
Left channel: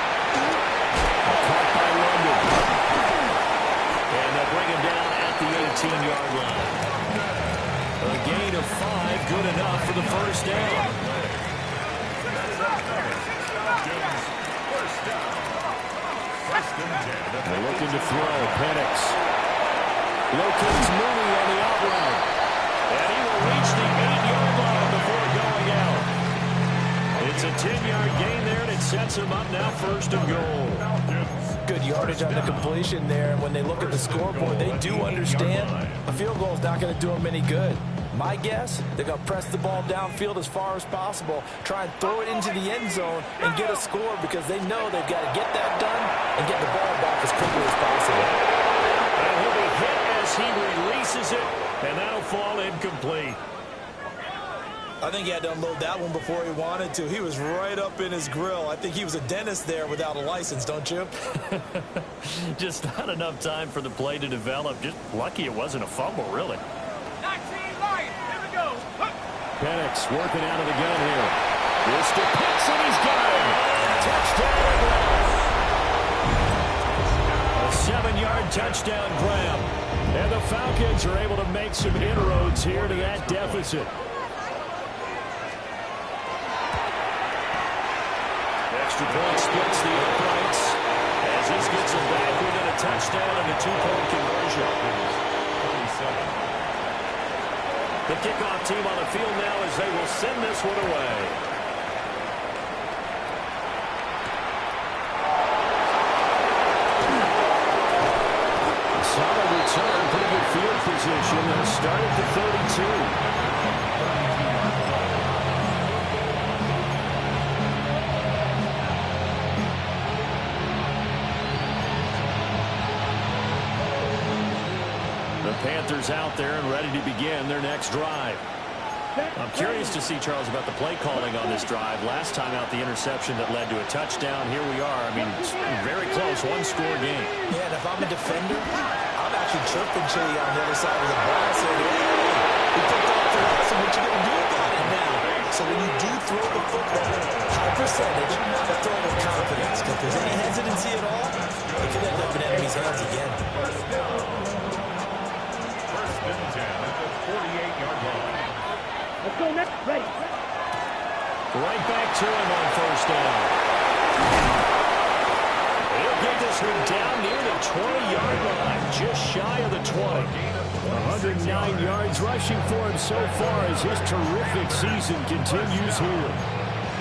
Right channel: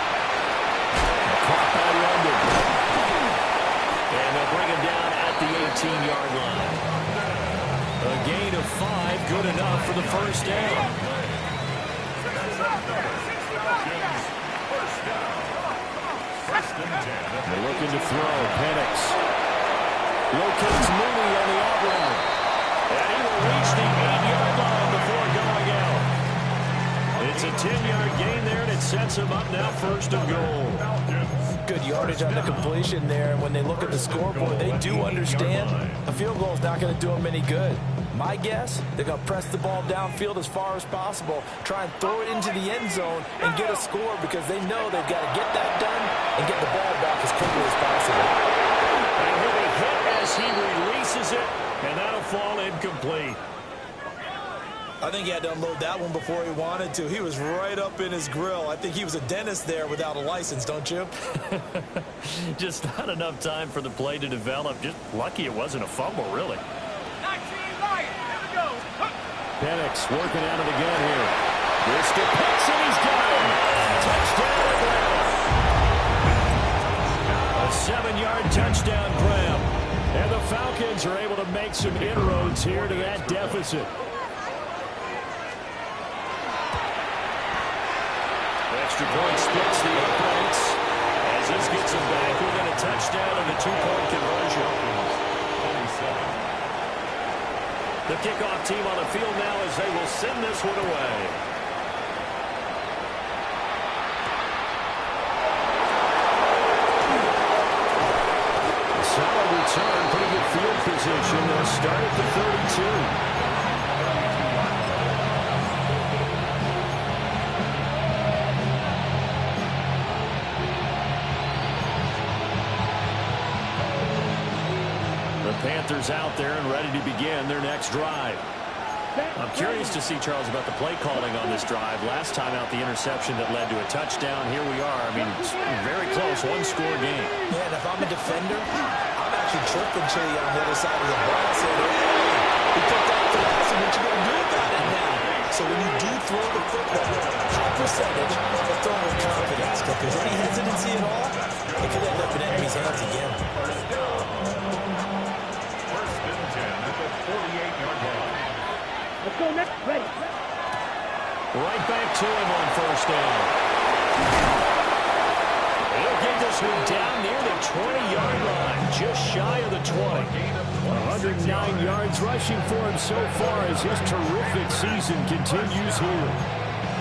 Caught by London. And they'll bring him down at the 18-yard line. A gain of 5, good enough for the first down. They're looking to throw, Penix. Locates Mooney on the out route. And he will reach the 8-yard line before going out. It's a 10-yard gain there, and it sets him up now 1st and goal. Good yardage on the completion there, and when they look at the scoreboard, they do understand a field goal is not going to do them any good. My guess, they're going to press the ball downfield as far as possible, try and throw it into the end zone and get a score because they know they've got to get that done and get the ball back as quickly as possible. And he'll be hit as he releases it. And that'll fall incomplete. I think he had to unload that one before he wanted to. He was right up in his grill. I think he was a dentist there without a license, don't you? Just not enough time for the play to develop. Just lucky it wasn't a fumble, really. 19 Lions, here we go. Penix working out of the gun here. This to Pitts, and he's got him. Touchdown, Atlanta. A 7-yard touchdown grab. And the Falcons are able to make some inroads here to that deficit. extra point splits the uprights as this gets them back within a touchdown and a 2-point conversion. 27. The kickoff team on the field now as they will send this one away. Solid return, pretty good field position. They'll start at the 32. The Panthers out there and ready to begin their next drive. I'm curious to see, Charles, about the play calling on this drive. Last time out, the interception that led to a touchdown. Here we are. I mean, it's very close, one-score game. Yeah, and if I'm a defender, I'm actually chirping Chili on the other side of the ball. Saying, hey, he picked off the last one. What you going to do about it now? So when you do throw the football, high percentage, but throw with confidence. If there's any hesitancy at all, it could end up in enemy's hands again. First and 10 at the 48-yard line. Let's go next. Ready. Right back to him on first down. He'll get this one down near the 20-yard line, just shy of the 20. 109 yards rushing for him so far as his terrific season continues here.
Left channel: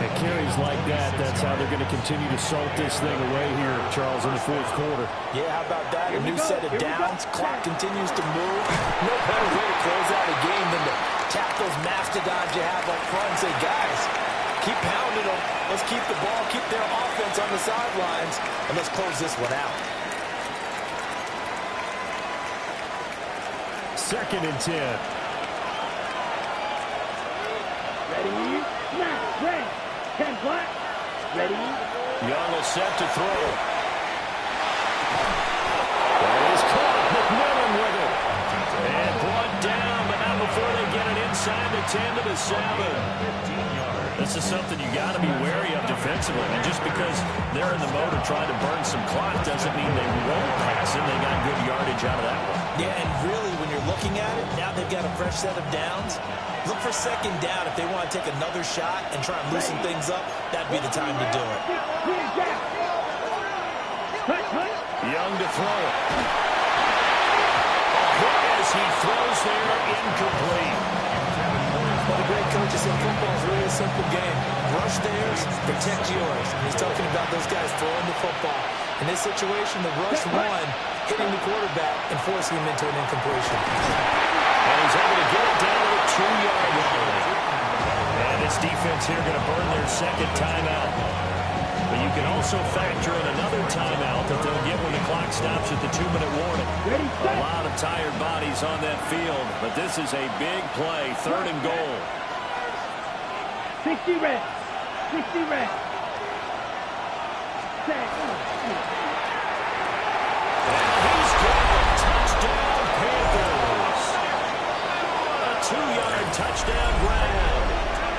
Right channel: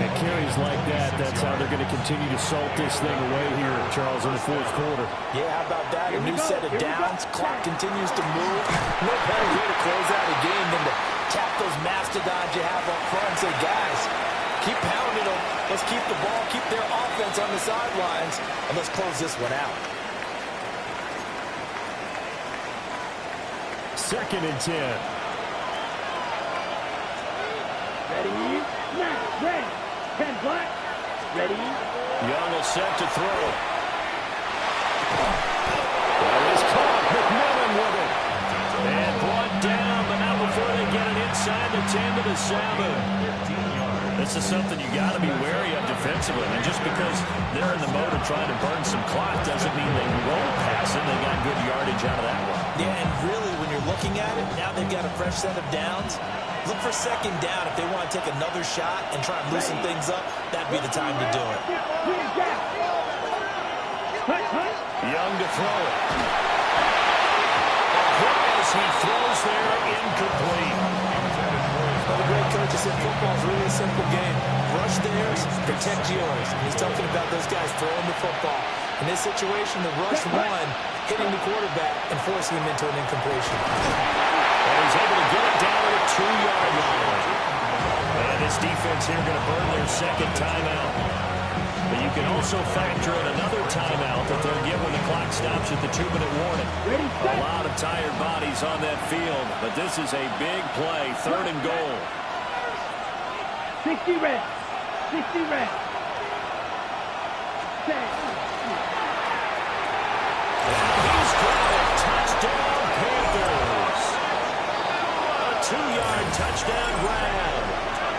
And carries like that, that's how they're going to continue to salt this thing away here, Charles, in the fourth quarter. Yeah, how about that? A new set of downs. Clock continues to move. No better way to close out a game than to tap those mastodons you have up front and say, guys, keep pounding them. Let's keep the ball, keep their offense on the sidelines, and let's close this one out. 2nd and 10. Ready. Snap. Ready. 10 black. Ready. Young will set to throw. That is caught. McMillan with it. And brought down, but not before they get it inside the 10 to the 7. 15 yards. This is something you got to be wary of defensively. I mean, just because they're in the mode of trying to burn some clock doesn't mean they won't pass it. They got good yardage out of that one. Yeah, and really, when you're looking at it, now they've got a fresh set of downs. Look for second down if they want to take another shot and try and loosen things up. That'd be the time to do it. Young to throw it. A hit as he throws there, incomplete. Well, the great coach has said football is really a simple game. Rush theirs, protect yours. And he's talking about those guys throwing the football. In this situation, the rush one, hitting the quarterback and forcing him into an incompletion. And he's able to get it down to the 2-yard line. And this defense here going to burn their second timeout. But you can also factor in another timeout that they'll get when the clock stops at the 2-minute warning. A lot of tired bodies on that field, but this is a big play, 3rd and goal. 60 red. 60 red. And he's got a touchdown, Panthers. A 2-yard touchdown grab.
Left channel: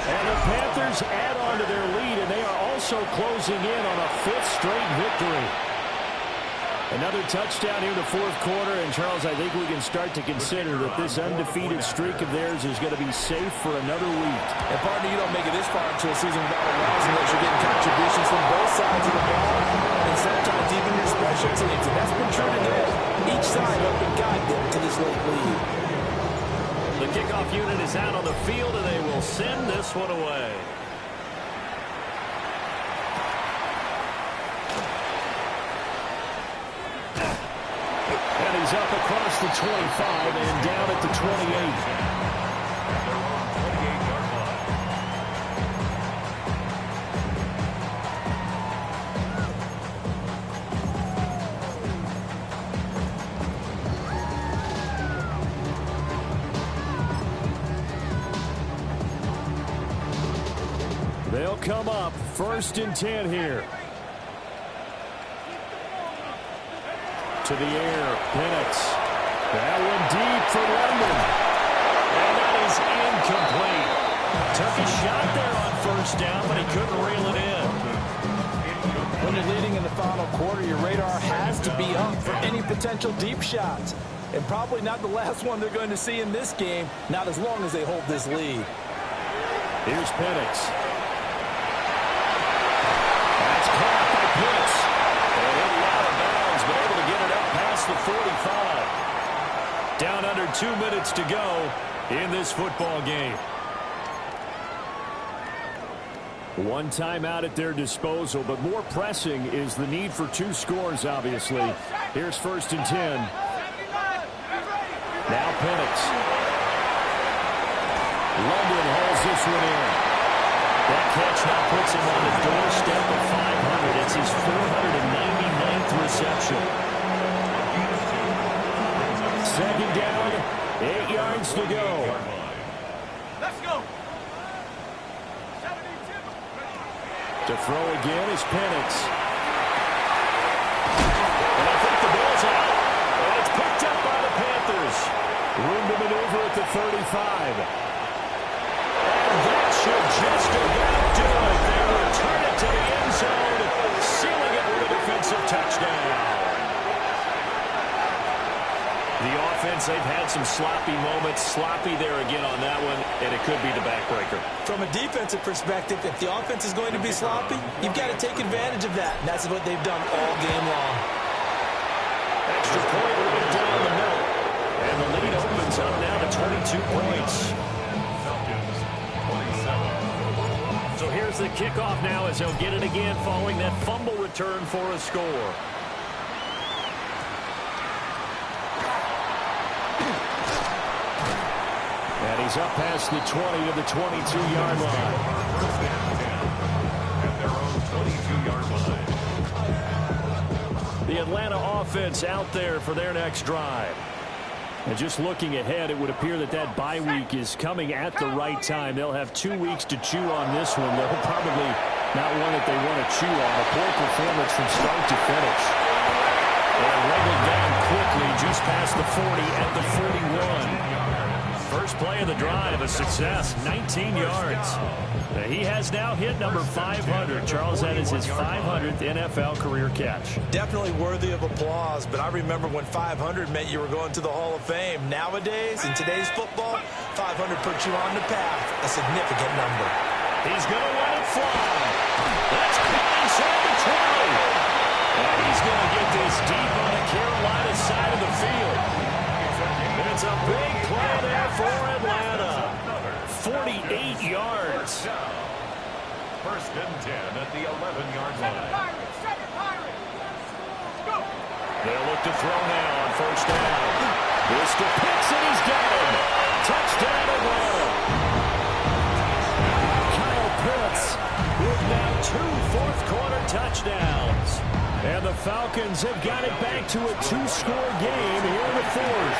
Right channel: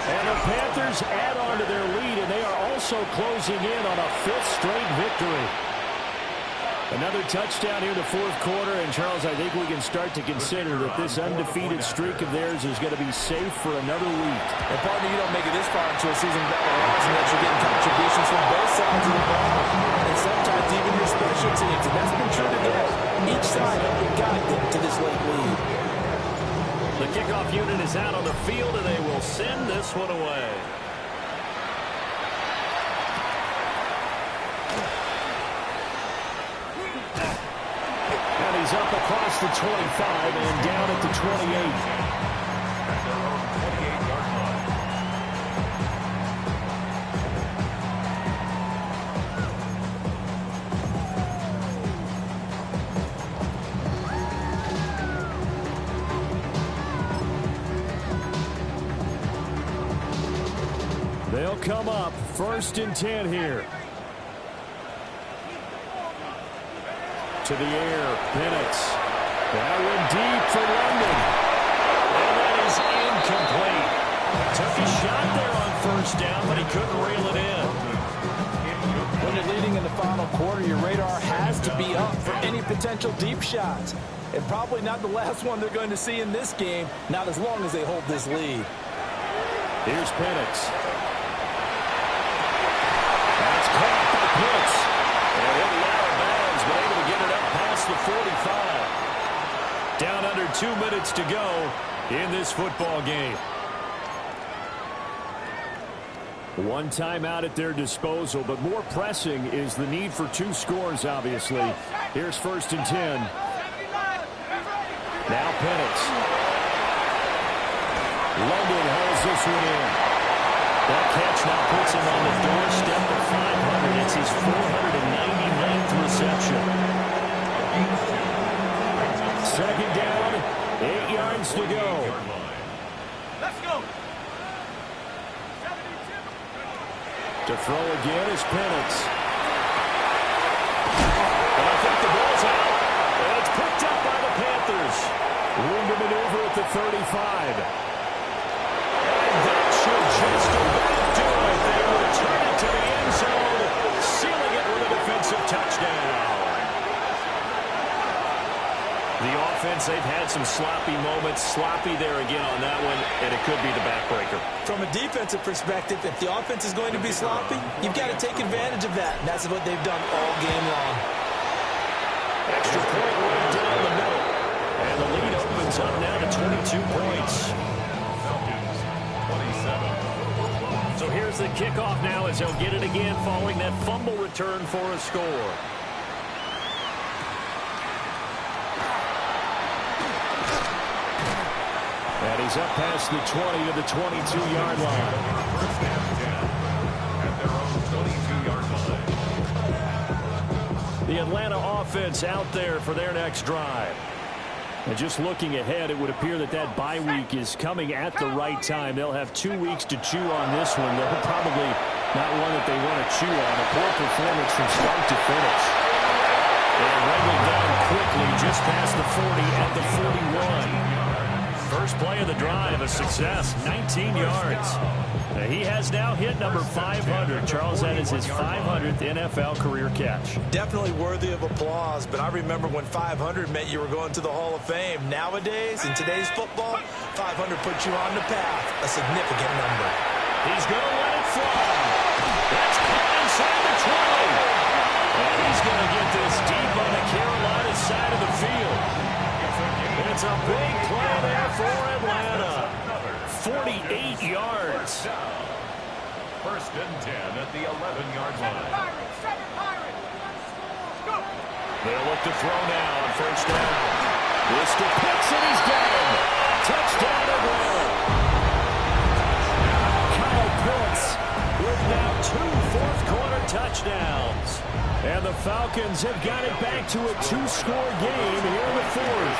And the Panthers add on to their lead, and they are also closing in on a 5th straight victory. Another touchdown here in the fourth quarter, and Charles, I think we can start to consider that this undefeated streak of theirs is going to be safe for another week. And partner, you don't make it this far into a season without a loss unless you're getting contributions from both sides of the ball, and sometimes even your special teams. And that's been true today. Each side helping guide them to this late lead. The kickoff unit is out on the field, and they will send this one away. And he's up across the 25 and down at the 28. At their own 28-yard line. They'll come up 1st and 10 here. To the air, Penix. That one deep for London. And that is incomplete. Took a shot there on 1st down, but he couldn't reel it in. When you're leading in the final quarter, your radar has to be up for any potential deep shots. And probably not the last one they're going to see in this game, not as long as they hold this lead. Here's Penix. That's the 45. Down under 2 minutes to go in this football game. One timeout at their disposal, but more pressing is the need for 2 scores, obviously. Here's 1st and 10. Now Penix. London hauls this one in. That catch now puts him on the doorstep of 500. It's his 499th reception. 2nd down, 8 yards to go. Let's go. To throw again is Penix. And I think the ball's out. And it's picked up by the Panthers. Room to maneuver at the 35. And that should just about do it. They return it to the end zone, sealing it with a defensive touchdown. The offense, they've had some sloppy moments. Sloppy there again on that one, and it could be the backbreaker. From a defensive perspective, if the offense is going to be sloppy, you've got to take advantage of that. And that's what they've done all game long. Extra point right down the middle. And the lead opens up now to 22 points. Falcons, 27. So here's the kickoff now as they'll get it again following that fumble return for a score. And he's up past the 20 to the 22-yard line. 1st and 10 at their own 22-yard line. The Atlanta offense out there for their next drive. And just looking ahead, it would appear that that bye week is coming at the right time. They'll have 2 weeks to chew on this one. They're probably not one that they want to chew on. A poor performance from start to finish. And wriggled down quickly just past the 40 at the 41. First play of the drive, a success, 19 yards. He has now hit number 500. Charles, that is his 500th NFL career catch. Definitely worthy of applause, but I remember when 500 meant you were going to the Hall of Fame. Nowadays, in today's football, 500 puts you on the path, a significant number. He's going to let it fly. That's caught inside the 20. And he's going to get this deep on the Carolina side of the field. It's a big play there for Atlanta. 48 yards. 1st and 10 at the 11-yard line. They'll look to throw now on 1st down. This to Pitts, and he's got him. Touchdown, Atlanta. Kyle Pitts with now 2 fourth-quarter touchdowns. And the Falcons have got it back to a 2-score game here in the 4th.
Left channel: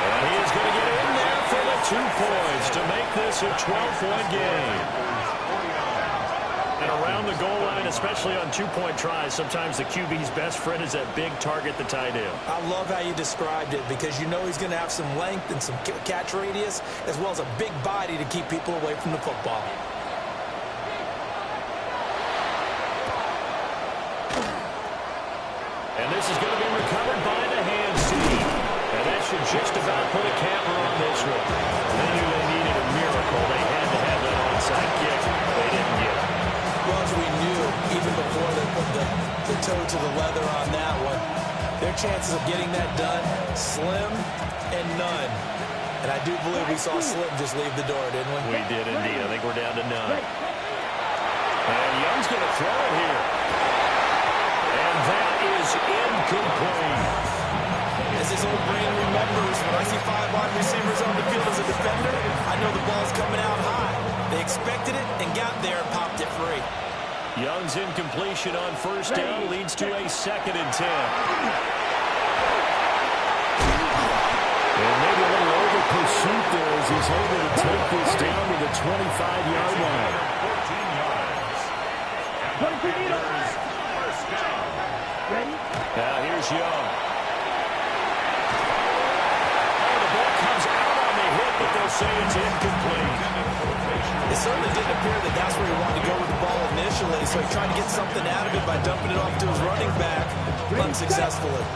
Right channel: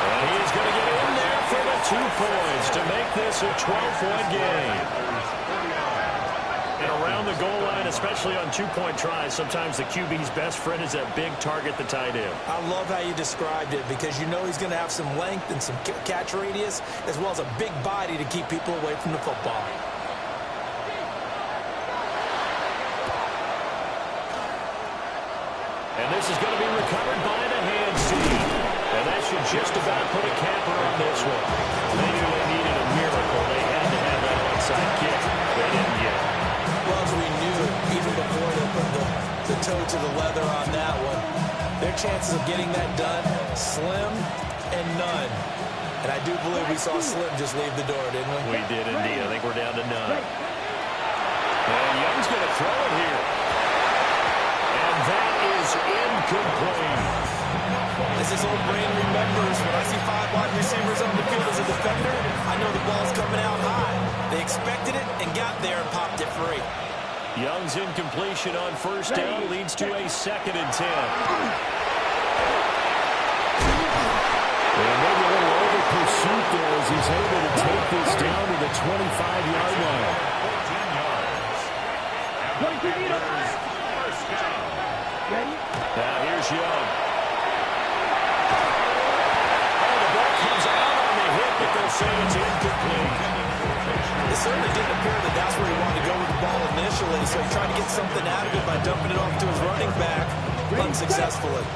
And he is going to get in there for the 2 points to make this a 12-point game. And around the goal line, especially on 2-point tries, sometimes the QB's best friend is that big target, the tight end. I love how you described it because you know he's going to have some length and some catch radius as well as a big body to keep people away from the football. And this is going to be recovered by the hand seam. And that should just about put a capper on this one. They knew they needed a miracle. They had to have that onside kick. They didn't get it. Well, as we knew, even before they put the toe to the leather on that one, their chances of getting that done, slim and none. And I do believe we saw Slim just leave the door, didn't we? We did indeed. I think we're down to none. And Young's going to throw it here. And that is incomplete. As his old brain remembers, when I see 5 wide receivers on the field as a defender, I know the ball's coming out high. They expected it and got there and popped it free. Young's incompletion on 1st down leads to a 2nd and 10. And maybe a little over pursuit there as he's able to take this down to the 25-yard line. 14 yards. And the Panthers, 1st down. Ready? Now here's Young. Oh, the ball comes out on the hit, but they'll say it's incomplete. It certainly didn't appear that that's where he wanted to go with the ball initially, so he tried to get something out of it by dumping it off to his running back unsuccessfully.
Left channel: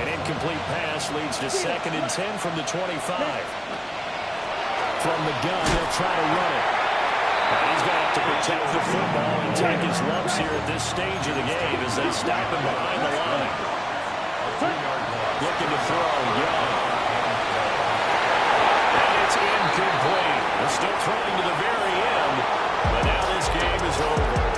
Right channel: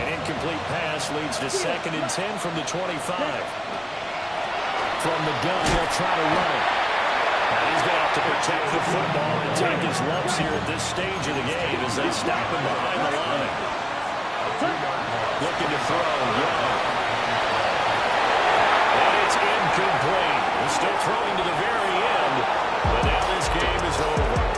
An incomplete pass leads to 2nd and 10 from the 25. From the gun, they'll try to run it. And he's going to have to protect the football and take his lumps here at this stage of the game as they stop him behind the line. Looking to throw, Young. And it's incomplete. They're still throwing to the very end, but now this game is over.